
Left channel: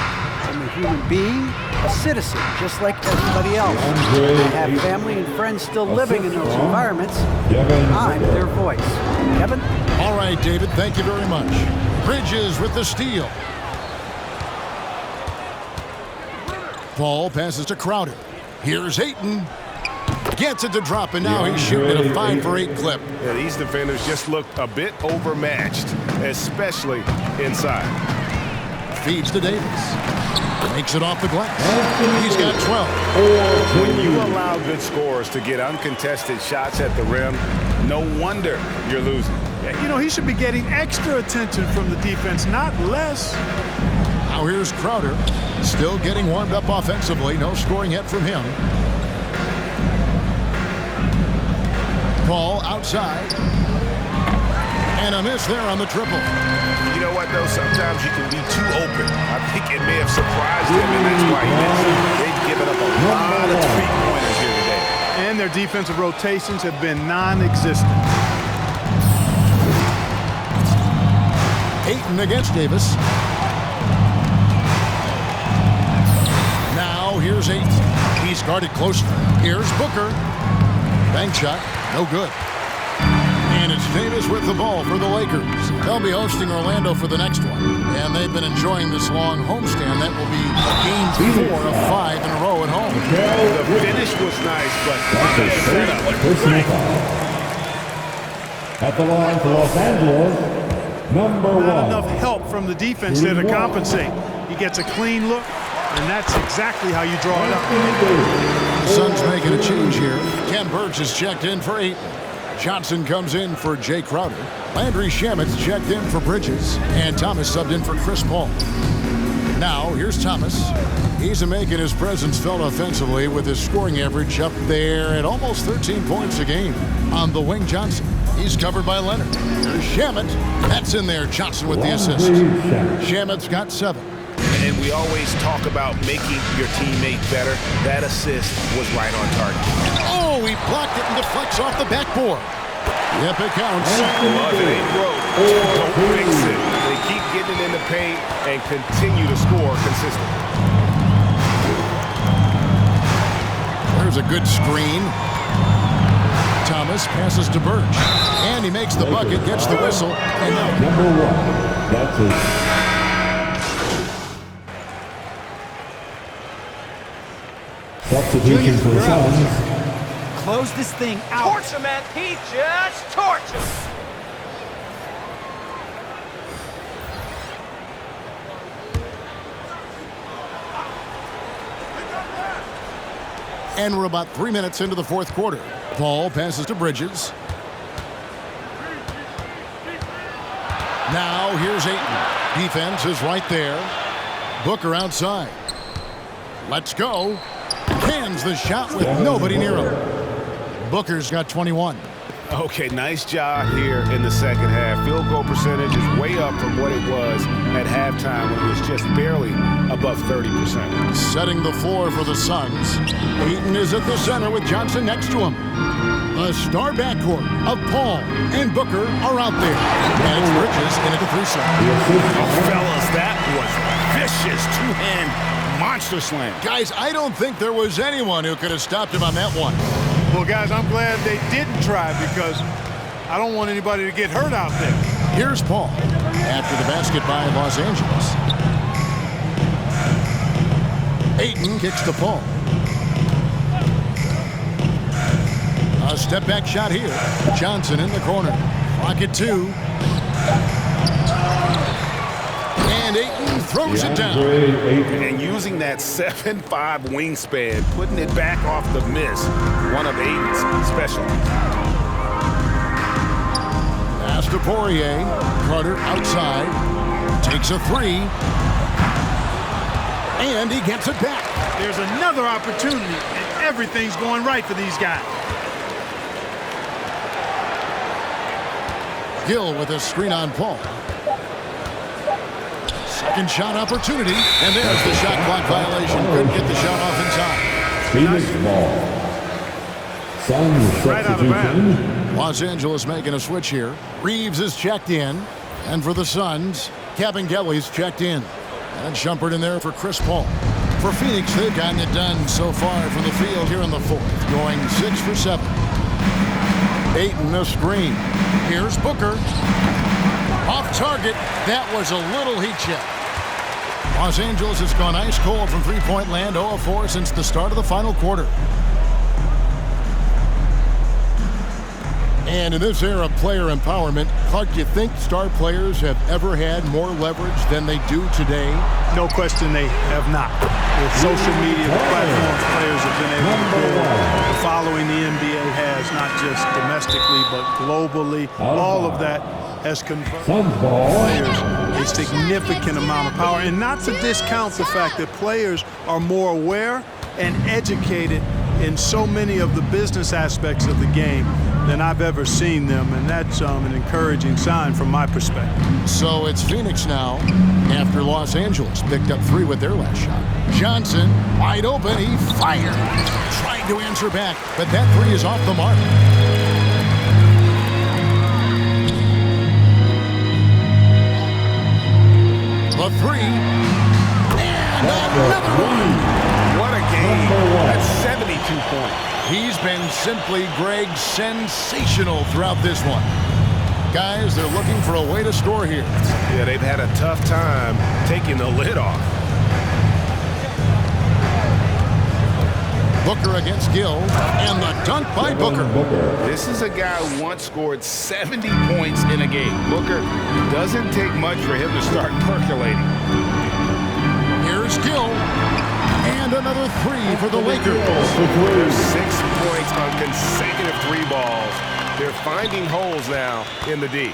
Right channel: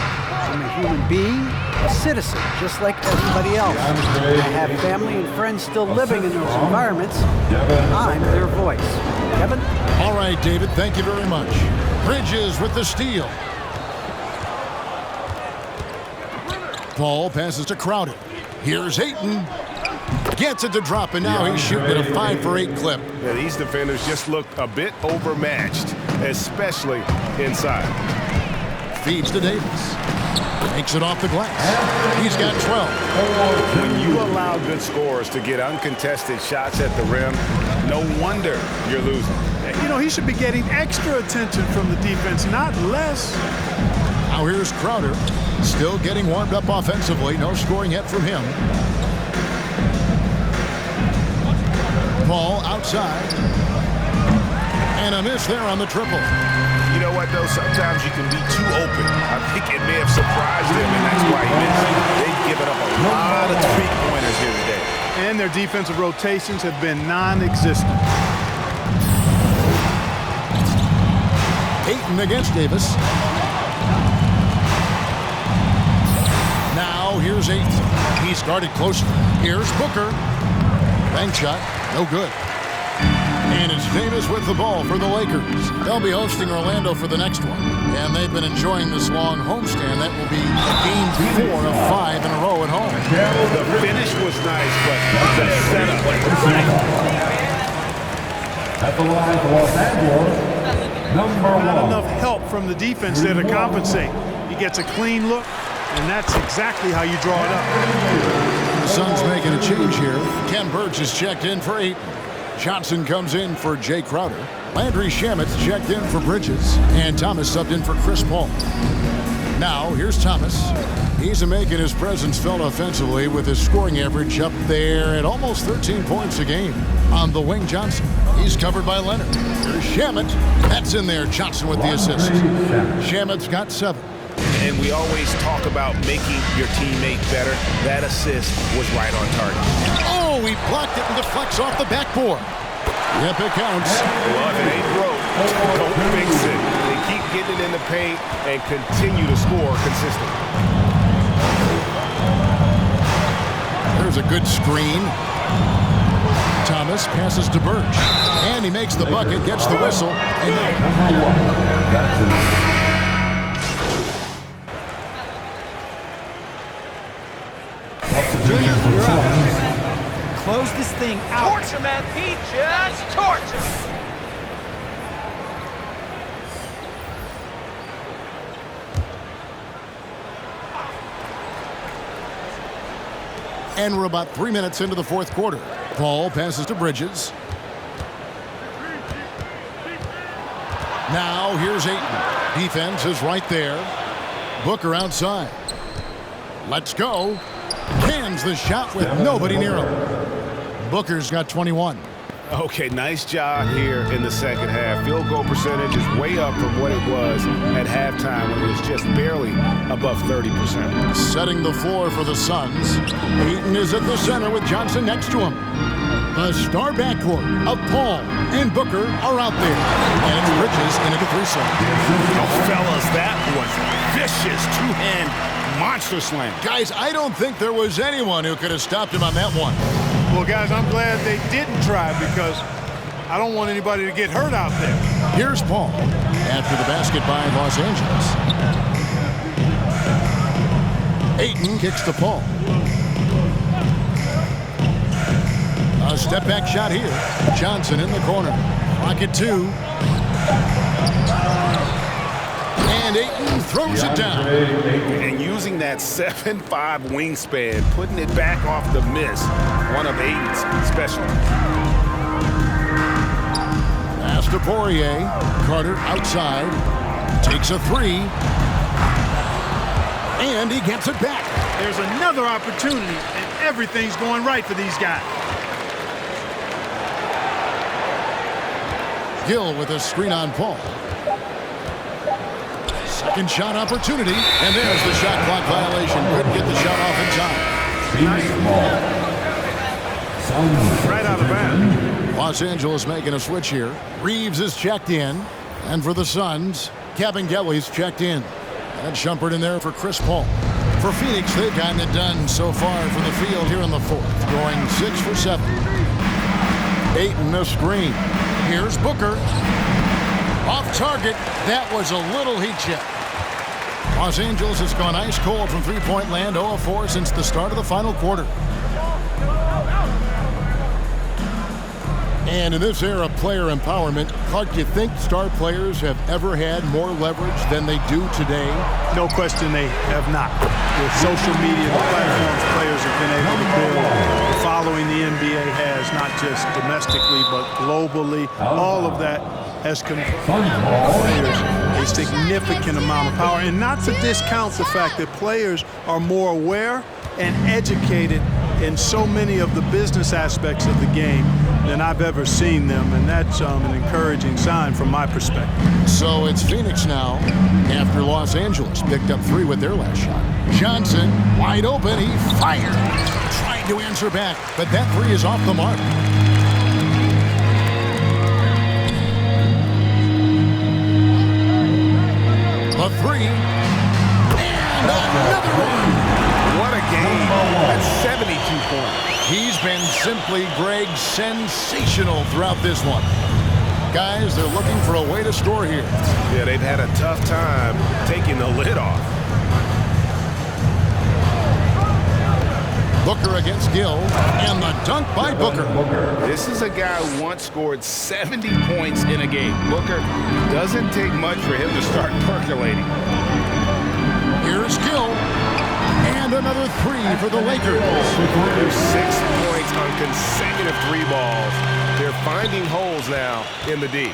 I'm a human being, a citizen, just like everybody else. I have family and friends still living in those environments. I'm their voice. Kevin? All right, David, thank you very much. Bridges with the steal. Paul passes to Crowder. Here's Ayton. Gets it to drop, and now he's shooting at a 5 for 8 clip. Yeah, these defenders just looked a bit overmatched, especially inside. Feeds to Davis. Makes it off the glass. He's got 12. When you allow good scorers to get uncontested shots at the rim, no wonder you're losing. You know, he should be getting extra attention from the defense, not less. Now here's Crowder. Still getting warmed up offensively. No scoring yet from him. Paul outside. And a miss there on the triple. You know what, though? Sometimes you can be too open. I think it may have surprised him, and that's why he missed. They've given up a lot of three-pointers here today. And their defensive rotations have been non-existent. Ayton against Davis. Now here's Ayton. He's guarded closely. Here's Booker. Bank shot. No good. And it's Davis with the ball for the Lakers. They'll be hosting Orlando for the next one. And they've been enjoying this long homestand. That will be game 4 of 5 in a row at home. The finish was nice, but the setup. At the line for Los Angeles, number 1. Not enough help from the defense there to compensate. He gets a clean look, and that's exactly how you draw it up. The Suns making a change here. Ken Burch is checked in for Ayton. Johnson comes in for Jay Crowder. Landry Shamet's checked in for Bridges. And Thomas subbed in for Chris Paul. Now, here's Thomas. He's making his presence felt offensively with his scoring average up there at almost 13 points a game. On the wing, Johnson. He's covered by Leonard. Here's Shamet. That's in there. Johnson with the assist. Shamet's got 7. And we always talk about making your teammate better. That assist was right on target. Oh, he blocked it and deflects off the backboard. Yep, it counts. Well, if it ain't broke, don't fix it. They keep getting it in the paint and continue to score consistently. There's a good screen. Thomas passes to Burch. And he makes the bucket, gets the whistle. And now number 1. That's his. Substitution for the Suns. Close this thing out. Torch him, man, Pete. Just torch him. And we're about 3 minutes into the fourth quarter. Paul passes to Bridges. Now here's Ayton. Defense is right there. Booker outside. Let's go. Cans the shot with nobody near him. Booker's got 21. Okay, nice job here in the second half. Field goal percentage is way up from what it was at halftime when it was just barely above 30%. Setting the floor for the Suns. Ayton is at the center with Johnson next to him. The star backcourt of Paul and Booker are out there. And it's Bridges into the three-slot. Oh, fellas, that was vicious two-hand monster slam. Guys, I don't think there was anyone who could have stopped him on that one. Well, guys, I'm glad they didn't try because I don't want anybody to get hurt out there. Here's Paul after the basket by Los Angeles. Ayton kicks to Paul. A step-back shot here. Johnson in the corner. Clock at 2. And Ayton throws it down. And using that 7'5 wingspan, putting it back off the miss, one of Ayton's specialties. Pass to Poirier. Carter outside. Takes a 3. And he gets it back. There's another opportunity, and everything's going right for these guys. Gill with a screen on Paul. Second shot opportunity, and there's the shot clock violation. Couldn't get the shot off in time. Phoenix ball. Suns Right out of bounds. Los Angeles making a switch here. Reeves is checked in, and for the Suns, Kabengele's checked in. And Shumpert in there for Chris Paul. For Phoenix, they've gotten it done so far from the field here in the fourth, going 6 for 7. Ayton a screen. Here's Booker. Off target. That was a little heat check. Los Angeles has gone ice cold from three-point land, 0 of 4 since the start of the final quarter. And in this era of player empowerment, Clark, do you think star players have ever had more leverage than they do today? No question they have not. With social media, the platforms players have been able to build, the following the NBA has, not just domestically, but globally, all of that has conferred players a significant amount of power. And not to discount the fact that players are more aware and educated in so many of the business aspects of the game than I've ever seen them, and that's an encouraging sign from my perspective. So it's Phoenix now after Los Angeles picked up 3 with their last shot. Johnson, wide open, he fired. Trying to answer back, but that 3 is off the mark. The 3, and another one. What a game. That's 72 points. He's been simply, Greg, sensational throughout this one. Guys, they're looking for a way to score here. Yeah, they've had a tough time taking the lid off. Booker against Gill, and the dunk by Booker. This is a guy who once scored 70 points in a game. Booker, doesn't take much for him to start percolating. Here's Gill, and another 3 for the Lakers. There's 6 points on consecutive 3 balls. They're finding holes now in the D.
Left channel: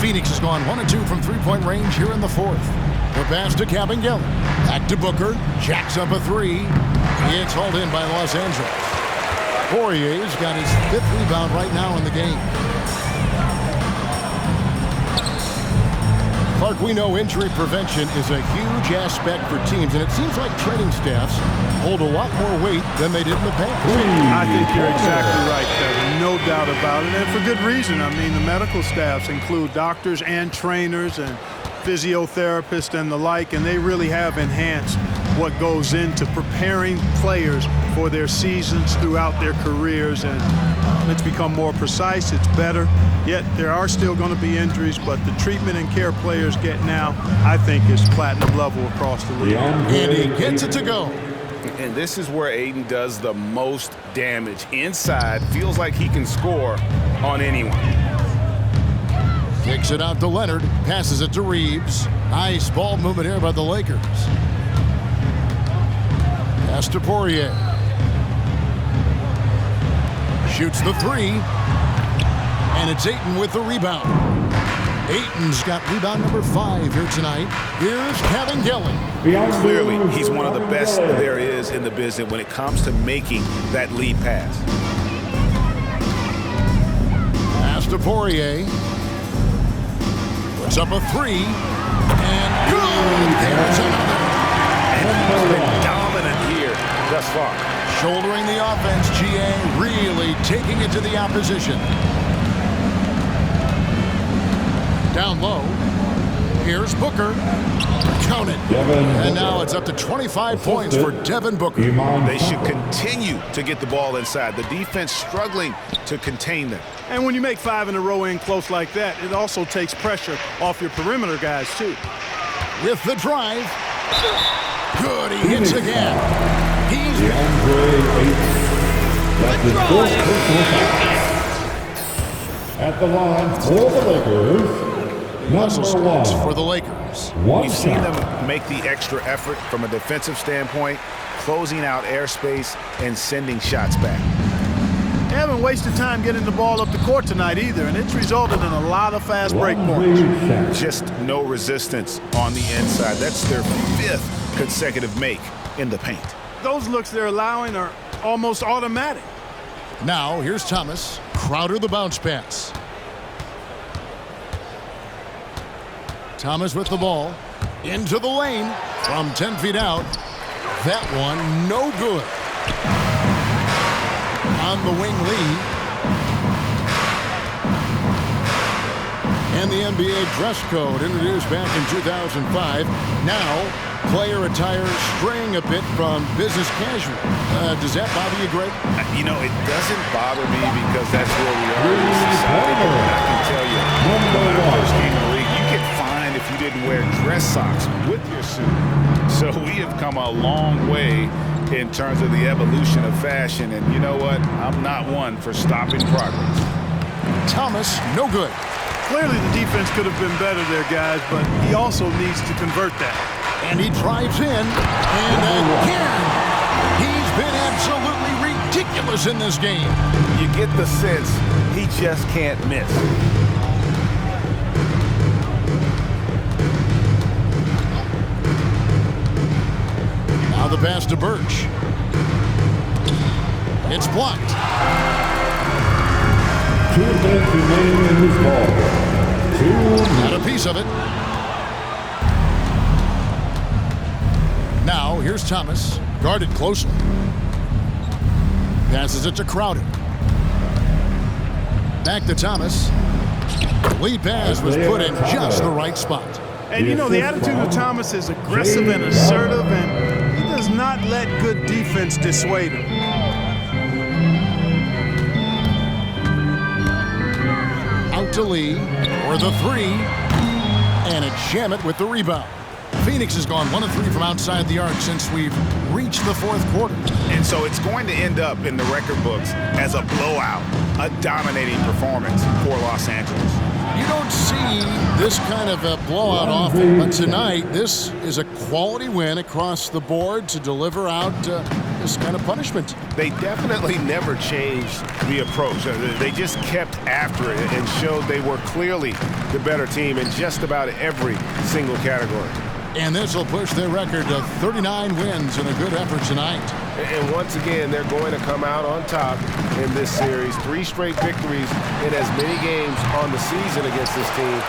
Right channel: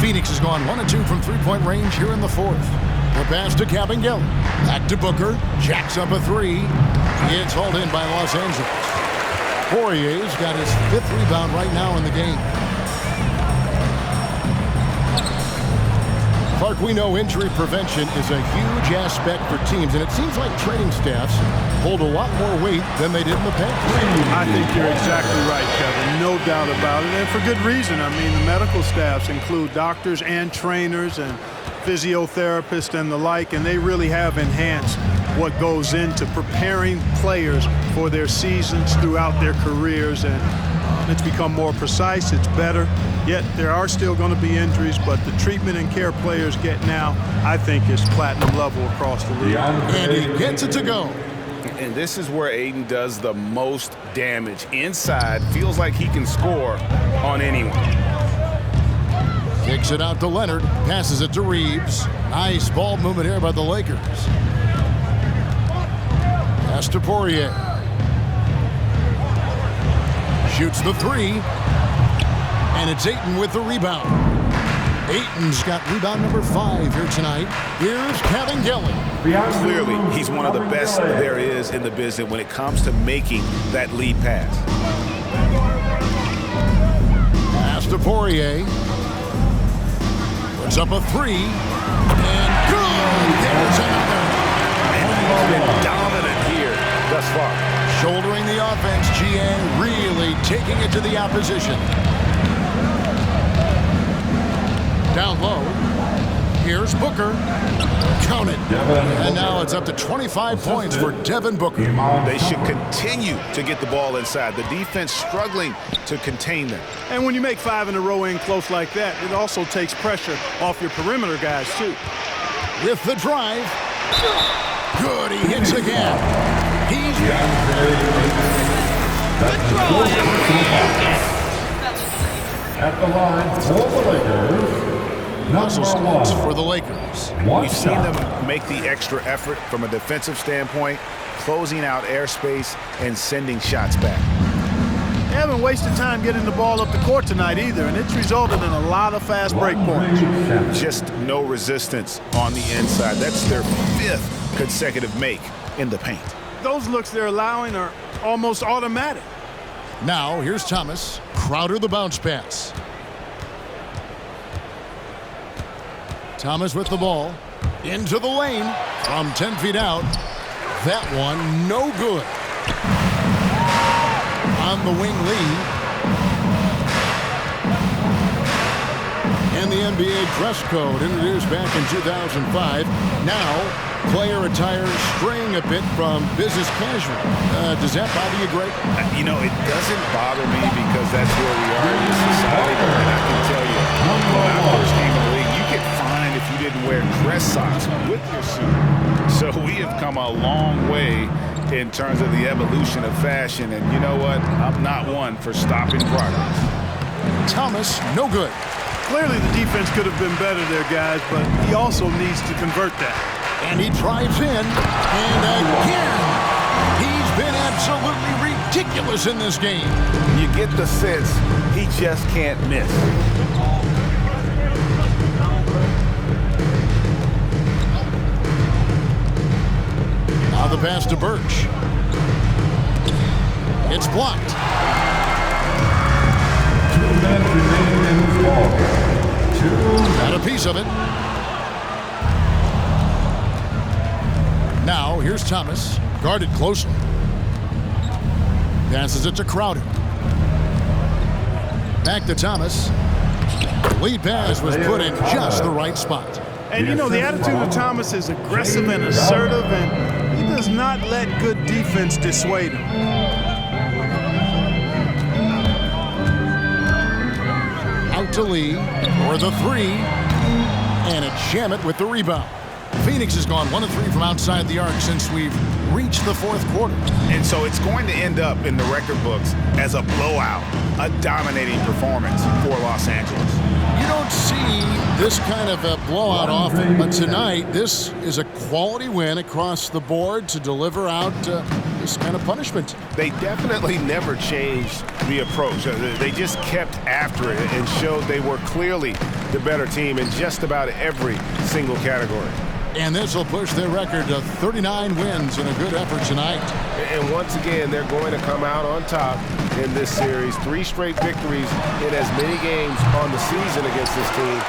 Phoenix has gone 1 of 2 from three-point range here in the fourth. The pass to Kabengele. Back to Booker. Jacks up a 3. It's hauled in by Los Angeles. Poirier's got his 5th rebound right now in the game. Clark, we know injury prevention is a huge aspect for teams, and it seems like training staffs hold a lot more weight than they did in the past. I think you're exactly right, Kevin. No doubt about it, and for good reason. I mean, the medical staffs include doctors and trainers and physiotherapists and the like, and they really have enhanced what goes into preparing players for their seasons throughout their careers, and it's become more precise, it's better. Yet there are still going to be injuries, but the treatment and care players get now, I think, is platinum level across the league. And he gets it to go. And this is where Ayton does the most damage. Inside, feels like he can score on anyone. Kicks it out to Leonard, passes it to Reeves. Nice ball movement here by the Lakers. Pass to Poirier. Shoots the 3. And it's Ayton with the rebound. Ayton's got rebound number 5 here tonight. Here's Kevin Gilly. Clearly, he's one of the best there is in the business when it comes to making that lead pass. Pass to Poirier. Puts up a 3. And good. There's another. And he's been dominant here thus far. Shouldering the offense, GA really taking it to the opposition. Down low. Here's Booker. Count it. And now it's up to 25 points for Devin Booker. They should continue to get the ball inside. The defense struggling to contain them. And when you make 5 in a row in close like that, it also takes pressure off your perimeter guys, too. With the drive. Good, he hits again. He's That's his fourth personal foul. At the line for the Lakers, Muscle number 1 for the Lakers. We've seen them make the extra effort from a defensive standpoint, closing out airspace and sending shots back. They haven't wasted time getting the ball up the court tonight either, and it's resulted in a lot of fast break points. Just no resistance on the inside. That's their 5th consecutive make in the paint. Those looks they're allowing are almost automatic. Now, here's Thomas. Crowder the bounce pass. Thomas with the ball. Into the lane. From 10 feet out. That one, no good. On the wing, Lee. And the NBA dress code introduced back in 2005. Now, player attire straying a bit from business casual. Does that bother you, Greg? You know, it doesn't bother me because that's where we are in society. But I can tell you, when I first came in the league, you get fined if you didn't wear dress socks with your suit. So we have come a long way in terms of the evolution of fashion. And you know what? I'm not one for stopping progress. Thomas, no good. Clearly the defense could have been better there, guys, but he also needs to convert that. And he drives in, and again, he's been absolutely ridiculous in this game. You get the sense he just can't miss. Now the pass to Birch. It's blocked. 2 minutes remaining in this ball. Got a piece of it. Now, here's Thomas, guarded closely. Passes it to Crowder. Back to Thomas. The lead pass was put in just the right spot. And you know, the attitude of Thomas is aggressive and assertive, and he does not let good defense dissuade him. Out to Lee for the 3. And it's Shamet with the rebound. Phoenix has gone 1 of 3 from outside the arc since we've reached the 4th quarter. And so it's going to end up in the record books as a blowout, a dominating performance for Los Angeles. You don't see this kind of a blowout often, but tonight this is a quality win across the board to deliver out this kind of punishment. They definitely never changed the approach. They just kept after it and showed they were clearly the better team in just about every single category. And this will push their record to 39 wins in a good effort tonight. And once again, they're going to come out on top in this series. 3 straight victories in as many games on the season against this team.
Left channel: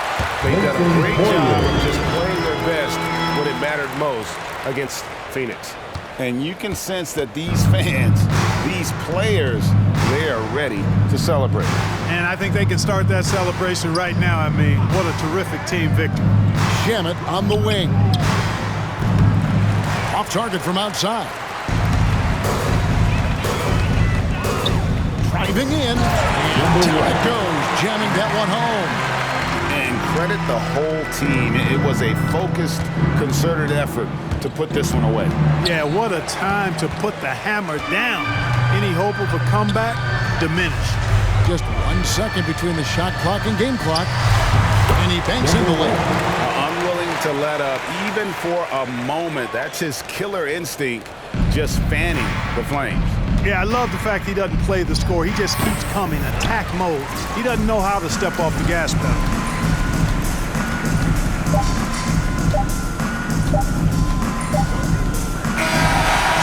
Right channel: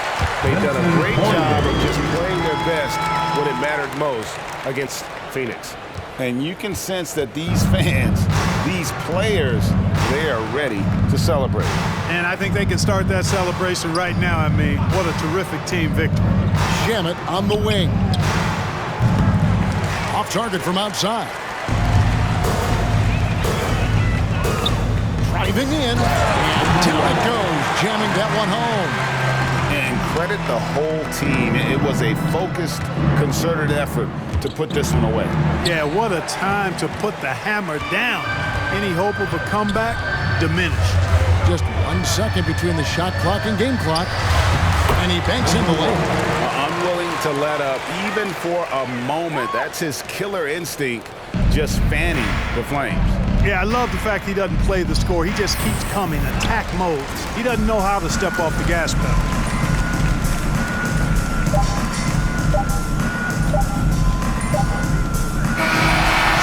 They've done a great job of just playing their best when it mattered most against Phoenix. And you can sense that these fans, these players, they are ready to celebrate. And I think they can start that celebration right now. I mean, what a terrific team victory. Shamet on the wing. Off target from outside. Driving in, and down it goes, jamming that one home. And credit the whole team. It was a focused, concerted effort to put this one away. Yeah, what a time to put the hammer down. Any hope of a comeback diminished. Just 1 second between the shot clock and game clock, and he banks in the lane. Unwilling to let up, even for a moment. That's his killer instinct, just fanning the flames. Yeah, I love the fact he doesn't play the score. He just keeps coming, attack mode. He doesn't know how to step off the gas pedal.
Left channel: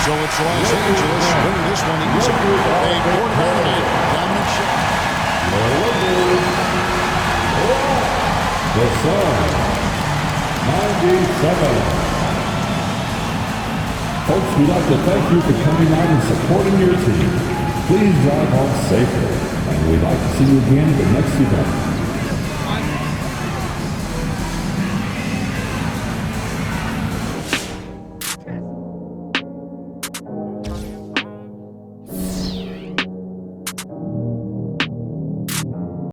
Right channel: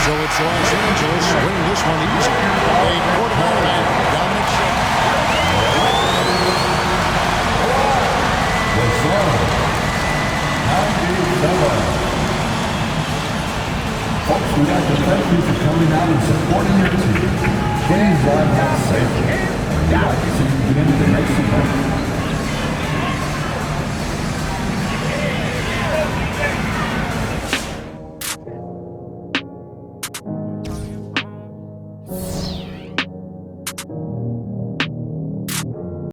So it's Los Angeles winning this one easy. A quarter-dominant dominant show. The Suns, 97. Folks, we'd like to thank you for coming out and supporting your team. Please drive home safely, and we'd like to see you again at the next event.